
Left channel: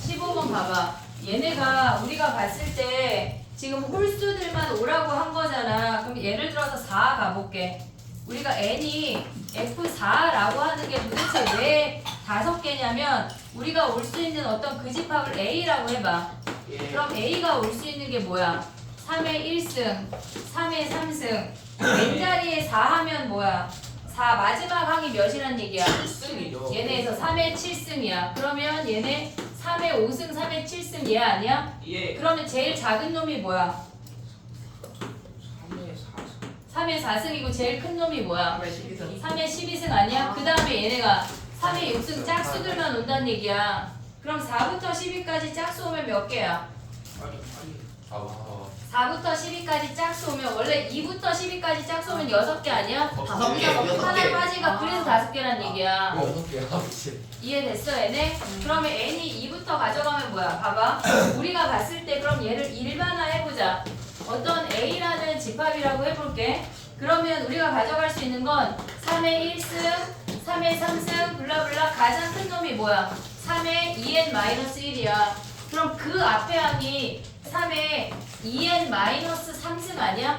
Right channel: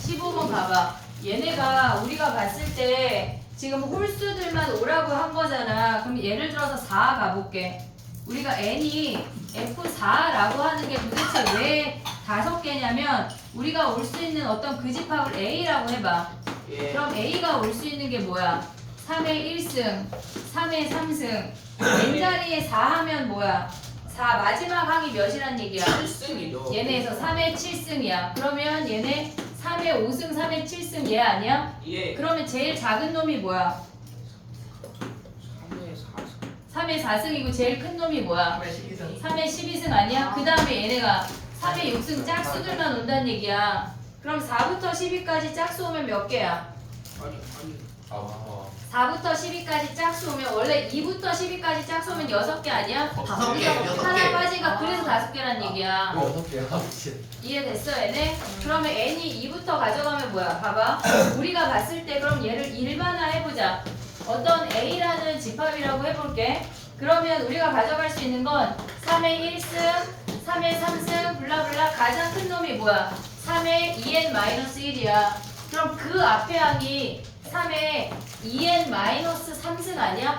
15번 가봐. 얘네가 우리가 봤을 때 지금 홀수들만 오라고 한 거잖아. 그럼 예를 들어서 4 가볼게. 우리가 n이 F4라고 하는 게 도대체 왜 5개냐면 우리가 올 수 있는 어떤 그 집합을 A라고 해봐. 예. 그럼 A가 올 수 있는 게 뭐야? 3의 1승, 3의 3승, n자리에 4 하면 뭐야? 4 마지막 항이 몇이란 얘기야? 7승이요. 얘네에서 3의 7승이야. 그러면 얘네 3의 5승, 3의 7승 얘 아니야? 예. 그러면 제일 작은 놈이 뭐야? 3의 4승. 3의 4승이고 제일 큰 놈이 뭐야? 12선. 3의 12승 아니야? 그 다음에 얘네가 3의 6승 짝수들만 온다는 얘기야. 그럼 4부터 10위까지 짝수 오면 몇 개야? 아부터 4부터 10위까지 짝수 오면 원래 2부터 10위까지 짝수 오면 6개 아니야? 다섯 개, 여섯 하나 개. 빠지가 그래서 5개란 얘기야. 6개야. 미친. 이해됐어 얘네? 그러면 n이 2부터 가져가면 뭐야? 봐봐. 우리가 봤을 때 그럼 얘를 일반화 해보자. 어떤 a라는 집합이라고 해볼게. 그러면 우리가 가져갈 수 있는 건 3의 1승, 3의 3승, 블라블라 가장 큰 놈이 뭐야? 3의 2n-1이야. 그럼 그 앞에 항이 3의 2n-3승 아니야?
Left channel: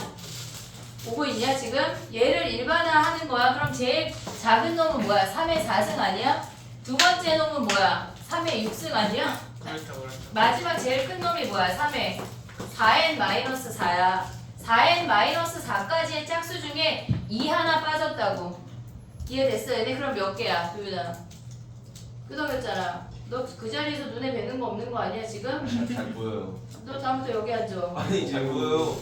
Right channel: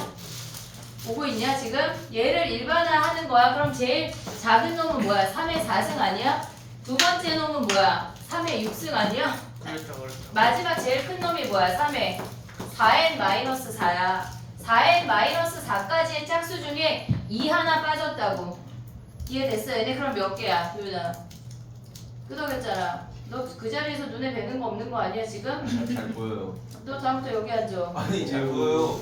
오고 있냐 지금? 얘를 일반화하는 거야. 그럼 제일 작은 놈은 뭐야? 3의 4승 아니야? 두 번째 놈은 뭐야? 3의 6승 아니야? 그렇죠. 마지막 제일 큰 놈이 뭐야? 3의 4n-4야. 4n-4까지의 짝수 중에 2 하나 빠졌다고. 이해됐어? 얘네 그럼 몇 개야? 도윤아. 끄덕였잖아. 너 그 자리에서 눈에 뵈는 거 없는 거 아니야 지금? 잘 보여요. 너 다음부터 여기 앉아. 아니 잘 보여요.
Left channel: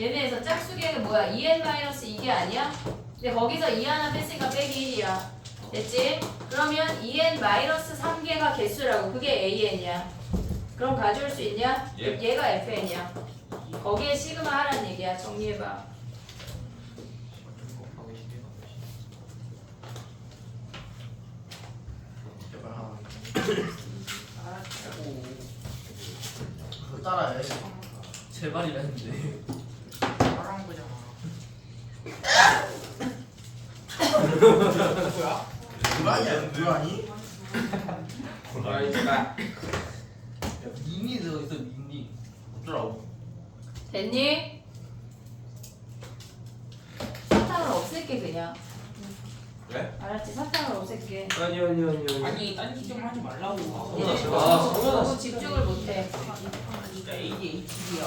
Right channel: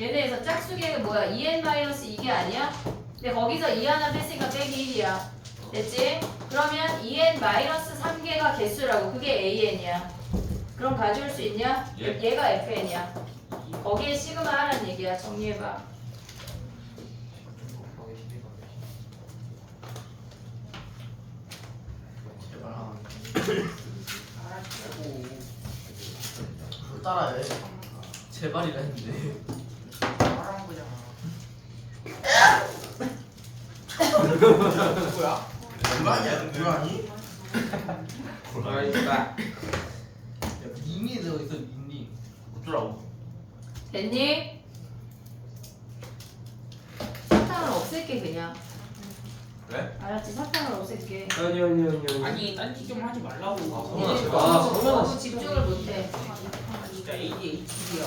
얘네에서 짝수계가 뭐야? 2n-2개 아니야? 근데 거기서 2 하나 뺐으니까 빼기 1이야. 됐지? 그러면 2n-3개가 개수라고. 그게 an이야. 그럼 가져올 수 있냐? 예. 얘가 fn이야. 거기에 시그마 하라는 얘기야. 정리해봐. 그거 따라해. 제발이라는데. 말한 거잖아. 누구야? 누가냐? 누가니? 라이트가. 닝이 들어있어 닝. 어쩌라고? 됐니? 사탕을 없앨게 그냥. 네? 알았지? 사탕을 없앨게. 아니 딴짓 좀 하지 말라고. 성훈아, 제발. 너무 집중을 못해. 진짜 ADHD야.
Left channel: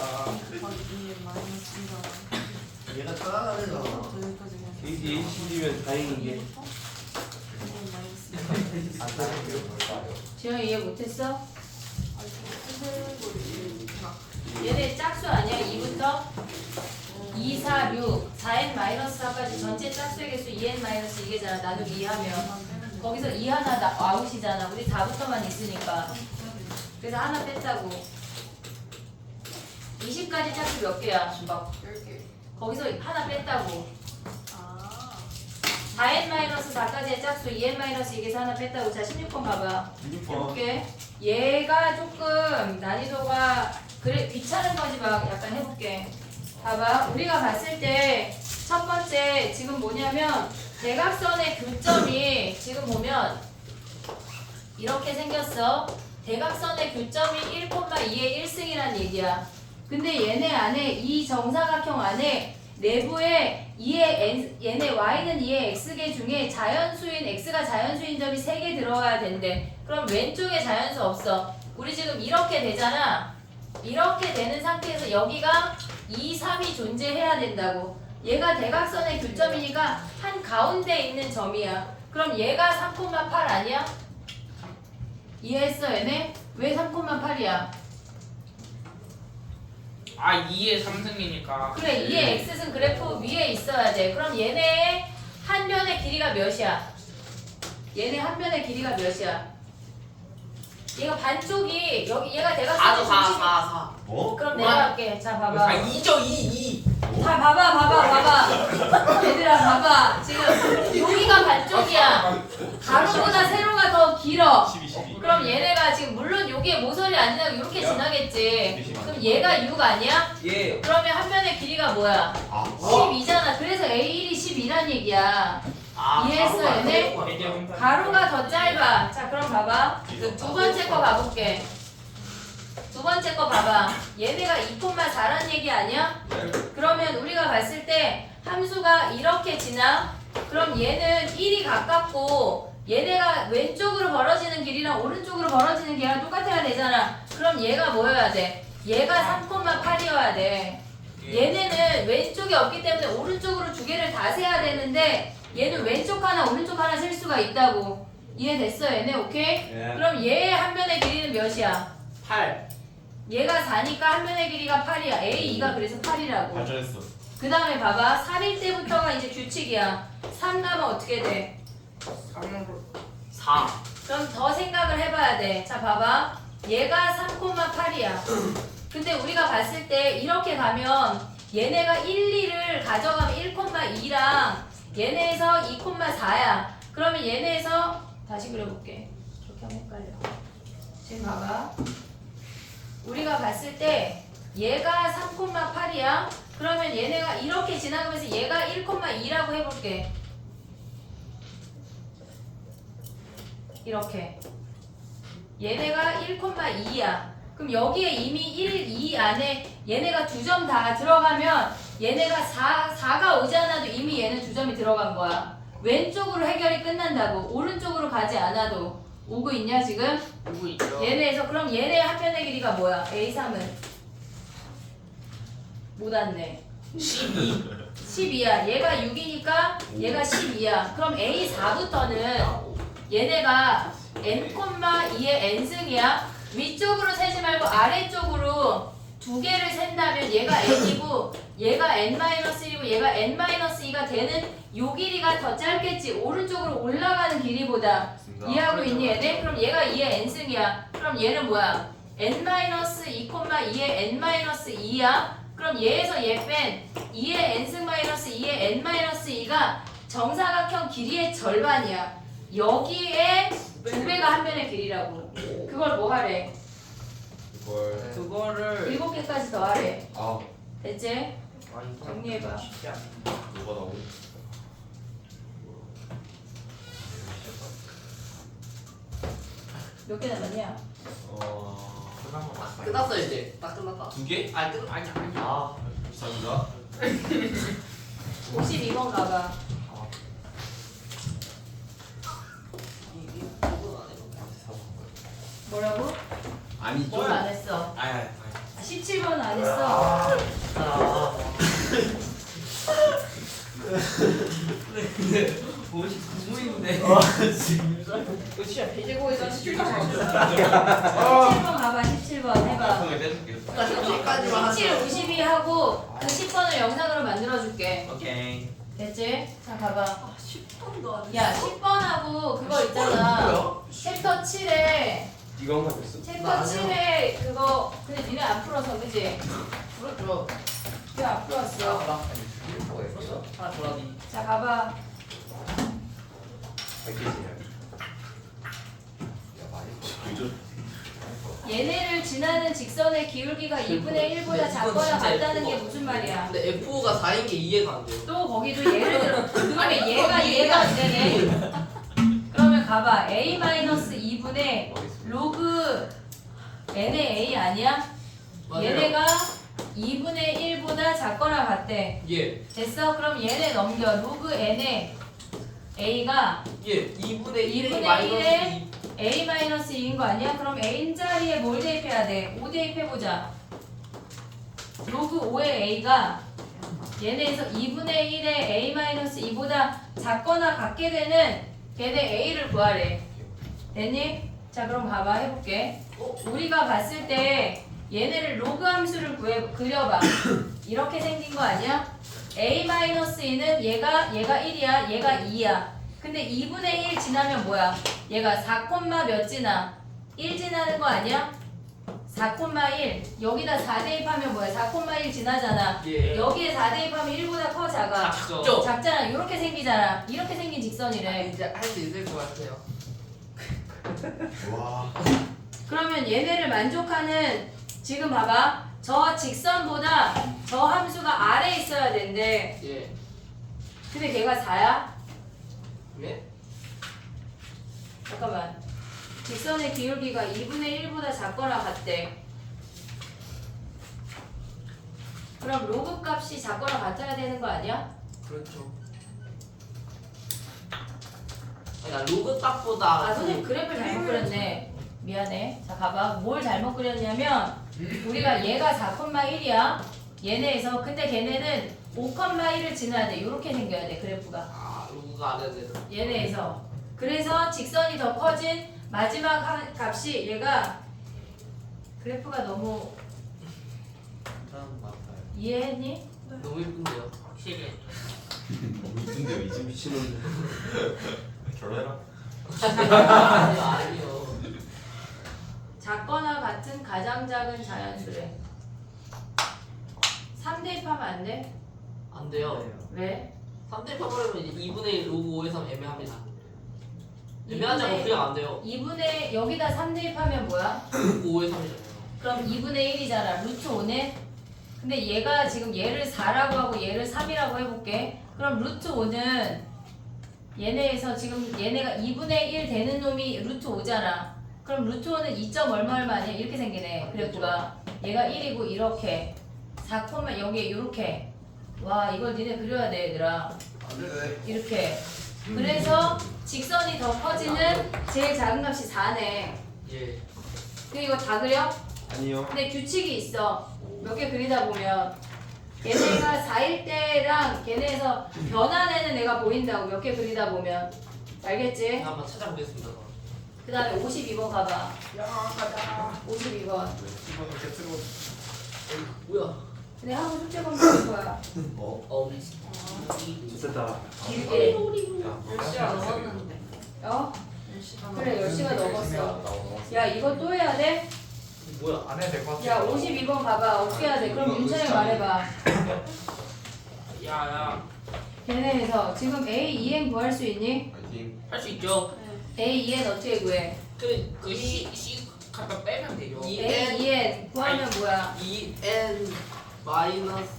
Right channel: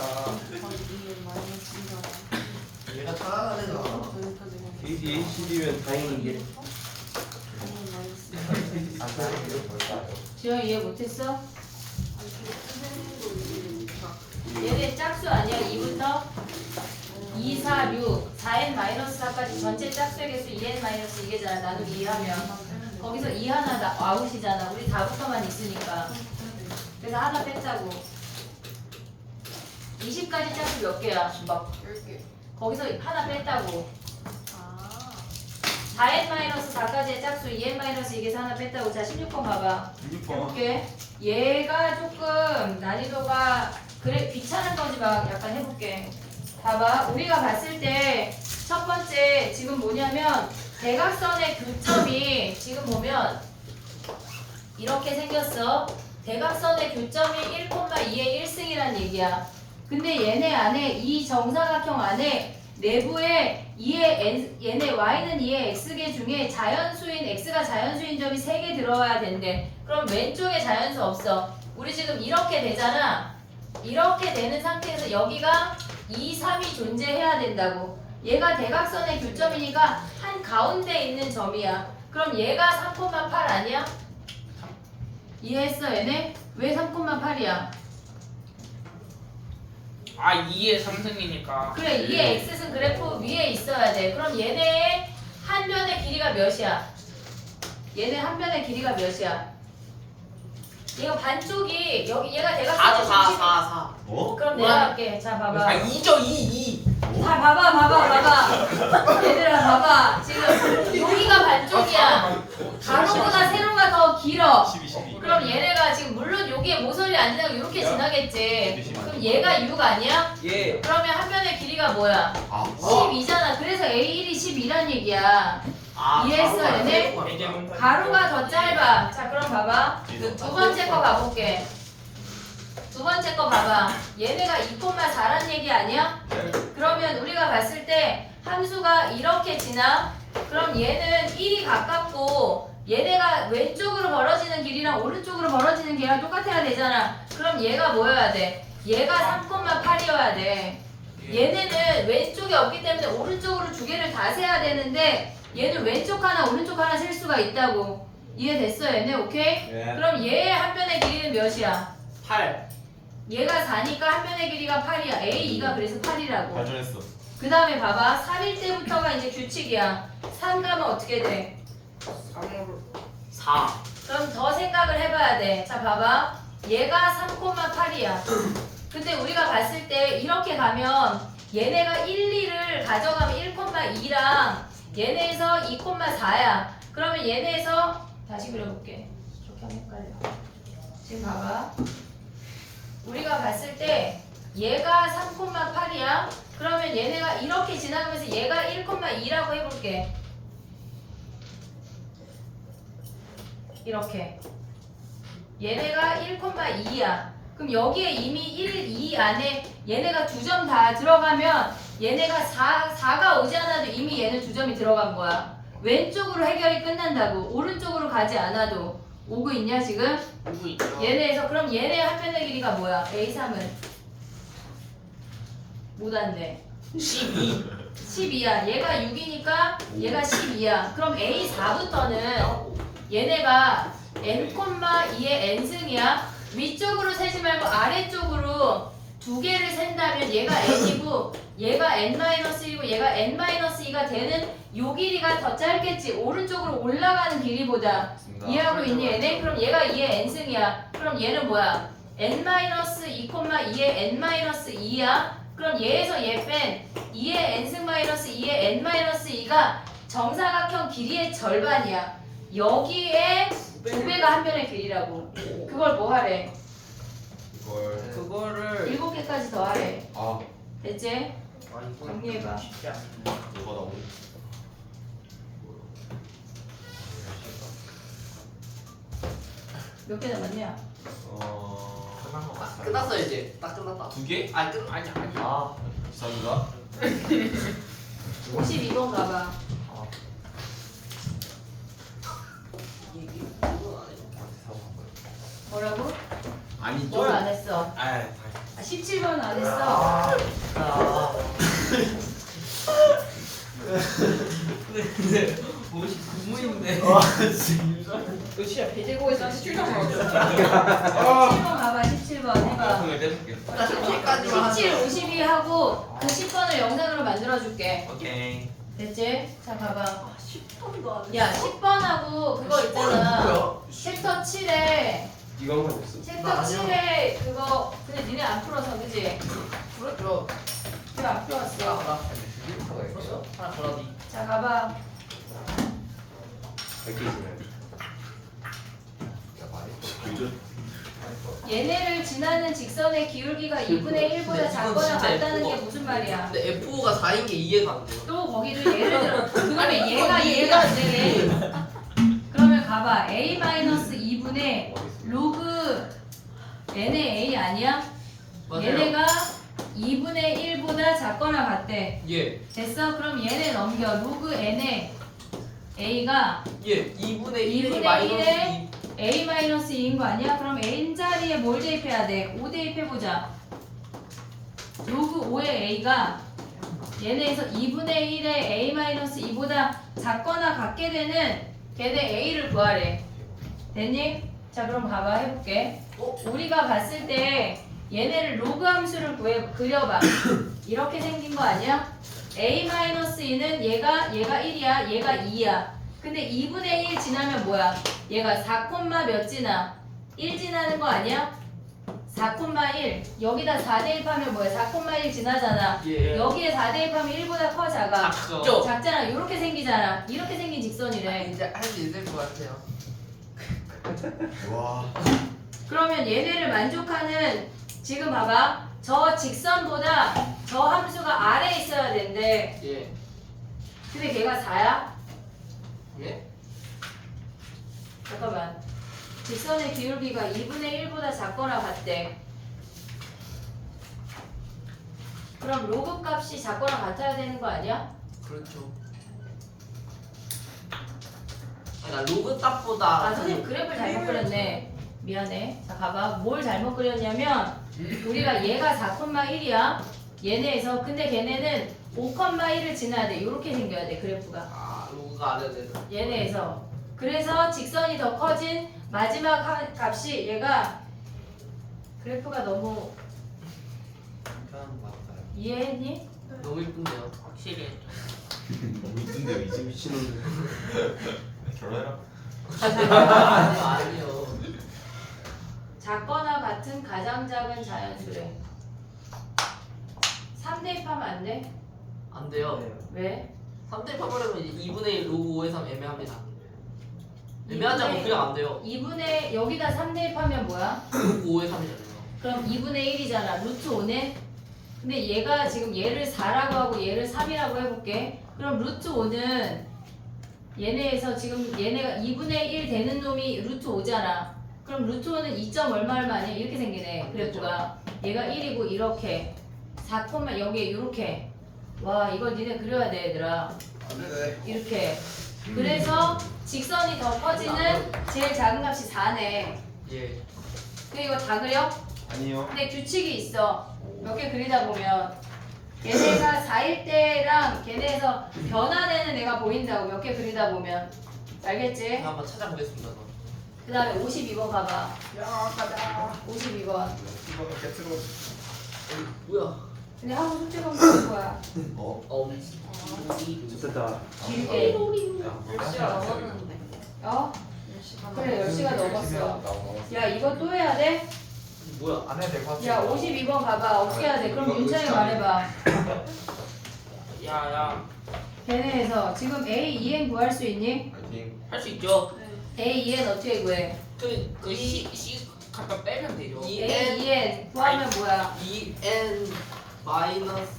얘가 따라가는 거. ADHD면 다행인 게 지영 이해 못했어? 얘네 짝수 아니야? 2부터 2, 4, 6, 4n-4까지 전체 짝수의 개수 2n-2개잖아. 나누기 2하면 거기서 2 하나 아웃이잖아. 우리 4부터만 있으니까. 그래서 하나 뺐다고. 20까지 짝수 몇 개야? 10개. 거기서 하나 뺐다고. 4n-4까지의 짝수 2n-2개에서 하나 뺐다고. 자 16번 봐봐. 6번. 해볼게. 얘가 조금 난이도가 그래 귀찮은 거지 막 약간 해볼게. 봐봐. 우리가 봤을 때 첫 번째 지금 뭐냐면 대각선의 교점이 지금 보면 이렇게 생겼어. 대각선의 교점이 1,2의 1승이란 얘기야. 근데 얘네 안에 이 정사각형 안에 내부에 2의 얘네 y는 2의 x개 중에 자연수인 x가 자연수인 점이 3개 들어와야 된대. 그럼 왼쪽에 자연수 없어. 우리 지금 이렇게 되잖아. 이렇게 되는 상태에서 여기가 2, 3이 존재해야 된다고. 얘가 대각선의 교점이니까 한 가운데 있는 점이야. 그럼 얘가 3,8 아니야? 이해했어 얘네? 왜 3,8이야? 아 2의 3승이니까. 그래 2의 x승 그래프 위에 있어야 돼. 그럼 얘네 한 변의 길이가 몇이야? 얘네 한 변의 길이가 몇이야? 얘가 반쪽이 여기 얘가 대각선의 중심. 4. 뭐? 그럼 내가 할게. 자 봐봐. 2죠 2. 자 봐봐. 얘들아 봐봐. 지금 여기가 반쪽이야. 가로보다 세로가 더 길어. 12. 그럼 얘네가 지금 물론 여기에 모서리 안 지나고 이렇게 지나겠지. 그럼 얘가 6 아니야? 예. 그러면 한 변의 길이가 뭐야? 아, 12잖아. 그래서 A1이 12란 얘기야. 이해했어 얘네? 가로가 더 짧아. 자 그럼 봐봐. 두 번째 거 가볼게. 두 번째 거 봐봐. 얘네가 2,4란 얘기 아니야? 그러면 우리가 봤을 때 함수가 이렇게 지나? 그럼 얘는 1이 가깝고 얘네가 왼쪽으로 벌어지는 길이랑 오른쪽으로 벌어지는 길이랑 똑같아야 되잖아. 그럼 얘가 뭐여야 돼? 얘가 3,8이어야 돼. 얘네는 왼쪽이 없기 때문에 오른쪽으로 두 개를 다 세야 되는데 얘는 왼쪽 하나 오른쪽 하나 셀 수가 있다고. 이해됐어 얘네? 오케이? 네. 그럼 얘의 한 변의 길이는 몇이야? 8. 얘가 4니까 한 변의 길이가 8이야. A2가 그래서 8이라고. 발전했어. 그 다음에 봐봐. 3일 때부터가 이제 규칙이야. 3 가면 어떻게 돼? 3으로 4. 그럼 더 생각을 해봐야 돼. 자 봐봐. 얘가 3,8이야. 근데 우리가 봤을 때 이렇게 가면 얘네가 1, 2를 가져가면 1,2랑 얘네에서 2,4야. 그러면 얘네에서 다시 그려볼게. 저렇게 하면 헷갈려. 지금 봐봐. 우리가 봤을 때 얘가 3,8이야. 그러면 얘네가 이렇게 지나가면서 얘가 1,2라고 해볼게. 이렇게. 얘네가 1,2야. 그럼 여기에 이미 1, 2 안에 얘네가 2점 다 들어가면 얘네가 4가 오지 않아도 이미 얘는 2점이 들어간 거야. 왼쪽으로 해결이 끝난다고. 오른쪽으로 가지 않아도. 오고 있냐 지금? 오고 있죠. 얘네에서 그럼 얘네 한 변의 길이가 뭐야? A3은? 못 왔네. 12. 12야. 얘가 6이니까 얘가 12야. 그럼 A4부터는 얘네가 n,2의 n승이야. 위쪽으로 세지 말고 아래쪽으로 두 개를 센다면 얘가 n이고 얘가 n-1이고 얘가 n-2가 되는 요 길이가 더 짧겠지. 오른쪽으로 올라가는 길이보다. 이해하고 있니 얘네? 그럼 얘가 2의 n승이야. 그럼 얘는 뭐야? n-2, 2의 n-2야. 그럼 얘에서 얘 뺀 2의 n승 마이너스 2의 n-2가 정사각형 길이의 절반이야. 여기에 두 배가 한 변의 길이라고. 그걸 뭐 하래? 이걸 그거를 7개까지 더 하래. 아 됐지? 정리해봐. 쉽지 않네. 뭐가 나오니? 몇 개 남았냐? 끝났어 이제. 딱 끝났다. 2개? 아니 아니야. 비싸기가? 52번 가봐. 이건 안 해. 뭐라고? 아니 뭘 안 했어? 아 17번 안 했어? 뭐지 공무인데. 끝이야. 돼지고기에서 17점 먹었어. 17번 가봐. 17번 해봐. 손을 떼줄게. 17, 52 하고 그 10번을 영상으로 만들어줄게. 오케이. 됐지? 자 가봐. 10번도 안 했어. 야 10번하고 그거 있잖아. 뭐야? 챕터 7에 이거 한번 됐어. 챕터 7에 그거 근데 니네 안 풀어서 그지? 그렇죠. 내가 안 풀었어. 하나 더라니. 자 가봐. 밝혀지네. 얘네를 지나는 직선의 기울기가 2분의 1보다 근데 작거나 이건 진짜 같다는 게 예쁘고. 무슨 말이야? 근데 F5가 4인 게 이해가 안 돼. 또 거기도 예를 들어 그러면 얘가 이해가 안 되네. 그러면 가봐. a-2분의 로그 n의 a 아니야? 얘네가 2분의 1보다 작거나 같대. 예. 됐어? 그럼 얘네 넘겨. 로그 n의 a가 예. 2분의 1의 2분의 마이너스 1의 a-2인 거 아니야? 그럼 n자리에 뭘 대입해야 돼? 5 대입해보자. 로그 5의 a가 얘네에서 2분의 1의 a-2보다 작거나 같게 되는 걔네 a를 구하래. 됐니? 자 그럼 봐봐 해볼게. 우리가 봤을 때 얘네를 로그 함수를 그려봐. 이렇게 생긴 거 아니야? a-2는 얘가 1이야 얘가 2야. 근데 2분의 1 지나면 뭐야? 얘가 4, 몇 지나? 1 지나는 거 아니야? 4,1 여기다 4 대입하면 뭐야? 4,1 지나잖아. 예. 여기에 4 대입하면 1보다 커 작아? 작죠. 작잖아. 이렇게 생기잖아. 이렇게 생긴 직선이래. 이제 할 수 있을 것 같아요. 와. 그러면 얘네를 만족하는 지금 봐봐. 저 직선보다 저 함수가 아래에 있어야 된대. 예. 근데 걔가 4야? 예. 잠깐만. 직선의 기울기가 2분의 1보다 작거나 같대. 그럼 로그 값이 작거나 같아야 되는 거 아니야? 그렇죠. 그러니까 로그 값보다 아 선생님 그래프를 잘못 그렸네. 미안해. 자 가봐. 뭘 잘못 그렸냐면 우리가 얘가 4,1이야. 얘네에서 근데 걔네는 5,1을 지나야 돼. 이렇게 생겨야 돼 그래프가. 로그가 안 해도 되는. 얘네에서. 그래서 직선이 더 커진 마지막 값이 얘가 그래프가 너무 이해했니? 너무 예쁜데요. 확실히. 너무 이쁜데요 이제 미친놈들. 결혼해라. 아니요. 작거나 같은 가장 작은 자연수래. 3 대입하면 안 돼? 안 돼요. 왜? 3대 파버리면 이제 2분의 1 로그 5의 3 애매합니다. 애매하지 않고 그냥 안 돼요. 2분의 여기다 3 대입하면 뭐야? 로그 5의 3이잖아요. 그럼 2분의 1이잖아. 루트 5네? 근데 얘가 지금 얘를 4라고 하고 얘를 3이라고 해볼게. 그럼 루트 5는 얘네에서 지금 얘네가 2분의 1 되는 놈이 루트 5잖아. 그럼 루트 5는 2점 얼마 아니야? 이렇게 생기네. 그래프가. 얘가 1이고 이렇게 4, 여기에 이렇게. 와 이걸 니네 그려야 돼 얘들아. 이렇게. 그래서 직선이 더 커지는 제일 작은 값이 4네. 예. 그 이거 다 그려? 아니요. 근데 규칙이 있어. 몇 개 그리다 보면 얘네가 4일 때랑 걔네에서 변화되는 애가 보인다고 몇 개 그리다 보면 알겠지? 제가 한번 찾아보겠습니다. 그 다음에 52번 가봐. 52번. 이거는 개트로 뭐야? 근데 하고 숙제 검사할 거야. 됐다. 길게. 10시가 넘었는데. 어? 10시가 그래 10시가 넘었어. 야 이거 또 해야 돼? 뭐야? 안 해도 될것 같아. 야 52번 가봐. 어떻게 해야 돼? 그럼 윤찬이 말해봐. 야야 걔네에서 지금 A, EN 구할 수 있니? 파이팅. 할 수 있죠. A, EN 어떻게 구해? 그 C 갖다 빼면 되죠. A, EN 구하면 뭐야? EN 마이너스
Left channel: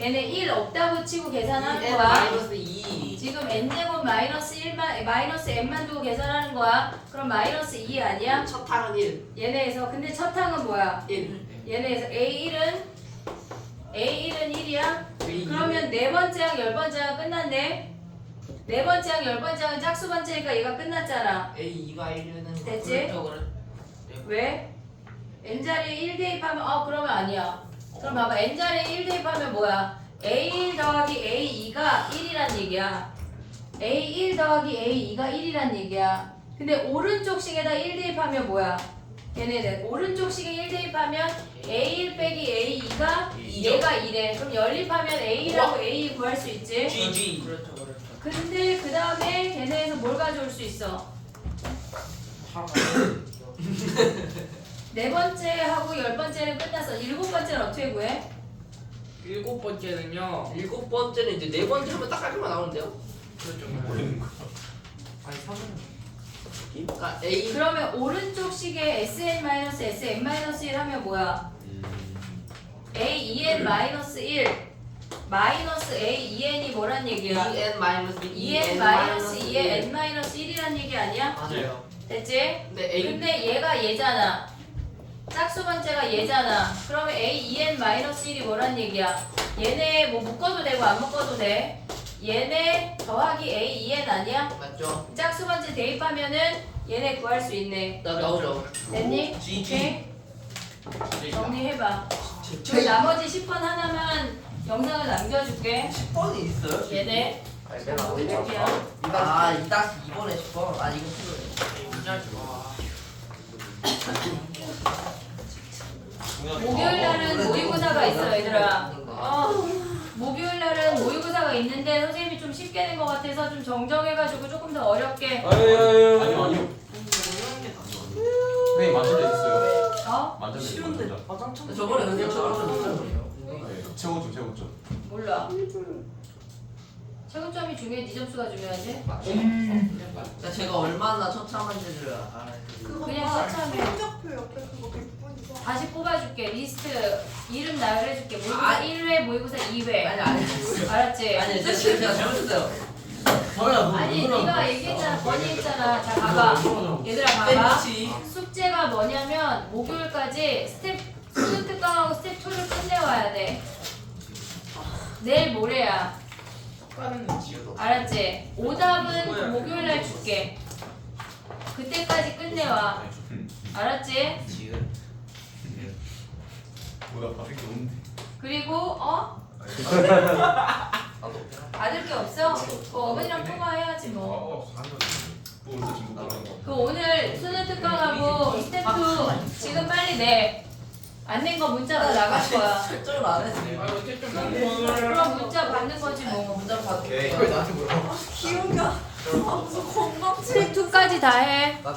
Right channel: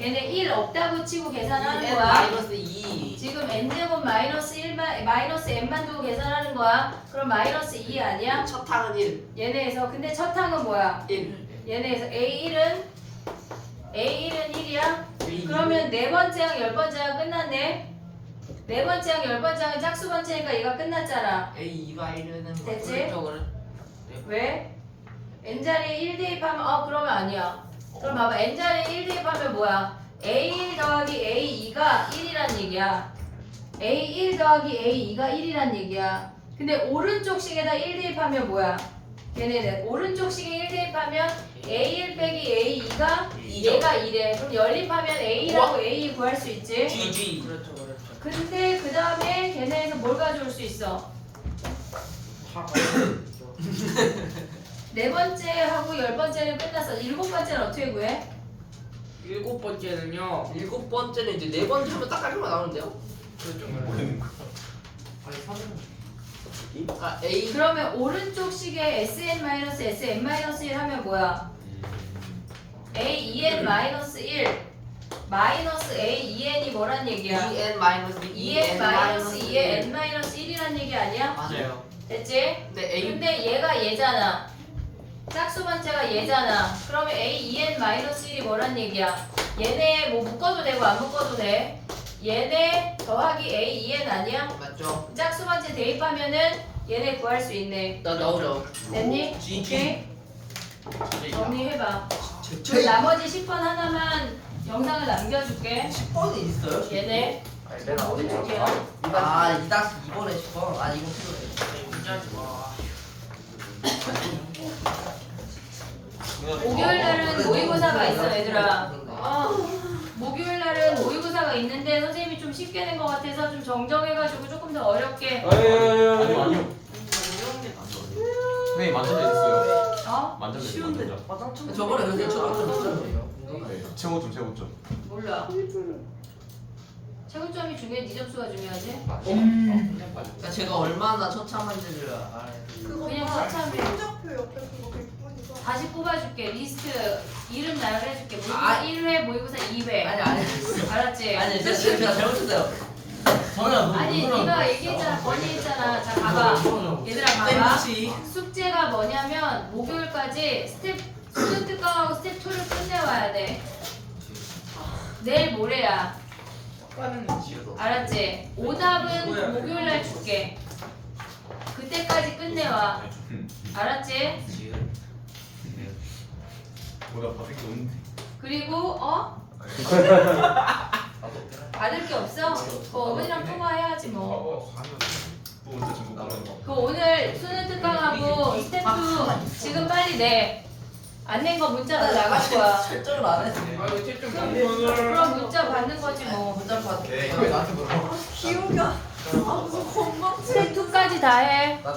얘네 1 없다고 치고 계산하는 EN 거야. 마이너스 2. 지금 n제곱 마이너스 1만 마이너스 n만 두고 계산하는 거야. 그럼 마이너스 2 아니야? 첫 항은 1. 얘네에서 근데 첫 항은 뭐야? 1. 얘네에서 A1은 1이야? 그러면 네 번째 항, 열 번째 항 끝났네. 네 번째 항, 열 번째 항 짝수 번째니까 얘가 끝났잖아. A2가 1은 됐지? 그래. 왜? n자리에 1 대입하면 그러면 아니야. 그럼 봐봐 n자리에 1 대입하면 뭐야? A1 더하기 A2가 1이란 얘기야. A1 더하기 A2가 1이란 얘기야. 근데 오른쪽 식에다 1 대입하면 뭐야? 얘네들 오른쪽 식에 1 대입하면 A1 빼기 A2가 얘가 2래. 그럼 연립하면 A라고 A 구할 수 있지? GG. 그렇죠 그렇죠. 근데 그 다음에 걔네에서 뭘 가져올 수 있어? 네 번째하고 열 번째는 끝났어. 일곱 번째는 어떻게 구해? 일곱 번째는요. 일곱 번째는 이제 네 번째 하면 딱 깔끔하게 나오는데요. 그렇죠. 아니 3은. 그러니까 A 그러면 오른쪽 식에 SN-SN-1 하면 뭐야? AEN-1 마이너스 AEN이 뭐란 얘기야? EN 마이너스 EN 마이너스 2에 N 마이너스 1이란 얘기 아니야? 맞아요. 됐지? 근데 A 근데 얘가 얘잖아. 짝수 번째가 얘잖아. 그러면 AEN 마이너스 1이 뭐란 얘기야? 얘네 뭐 묶어도 되고 안 묶어도 돼. 얘네 더하기 AEN 아니야? 맞죠? 짝수 번째 대입하면은 얘네 구할 수 있네. 나오죠. 됐니? GG. 오케이? 정리해봐. 그 나머지 10번 하나만 영상을 남겨줄게. 10번이 있어요? 얘네 오른쪽이야. 아, 딱 2번에 10번. 아, 이거 필요해. 문자지 마. 목요일 날은 모의고사가 있어 얘들아. 목요일 날은 모의고사가 있는데 선생님이 좀 쉽게 낸 것 같아서 좀 정정해가지고 조금 더 어렵게. 아니요 아니요. 선생님 만점 몇 있어요? 어? 만점 몇 쉬운데. 있어요? 화장품 저번에 근데 저번에 최고점 최고점. 몰라. 최고점이 중요해? 네 점수가 중요하지? 그러니까 제가 얼마나 처참한지를 알아야 돼. 그냥 그거가 처참해. 성적표 옆에 그거 100분이가 다시 뽑아줄게. 리스트 이름 나열해줄게. 모의고사 아. 1회, 모의고사 2회. 아니. 알았지? 아니, 제가 잘못했어요. 저희가 아니 네가 얘기했잖아. 건의했잖아. 자 가봐. 얘들아 봐봐. 숙제가 뭐냐면 목요일까지 스텝 수능 특강하고 스텝 2를 끝내와야 돼. 내일 모레야. 알았지? 오답은 목요일날 줄게. 그때까지 끝내와. 알았지? 보다 받을 게 없는데. 그리고 받을 게 없어? 그 어머니랑 통화해야지 뭐. 또 언제 중국 가는 거? 그 오늘 수능 특강하고 스텝 2 지금 빨리 내. 안 낸 거 문자로 나갈 거야. 설정을 안 했어요. 그럼 문자 받는 거지 뭐. 문자 받을게. 오케이. 나한테 물어봐. 기억이 안 나. 무슨 건강 스텝 2까지 다 해. 나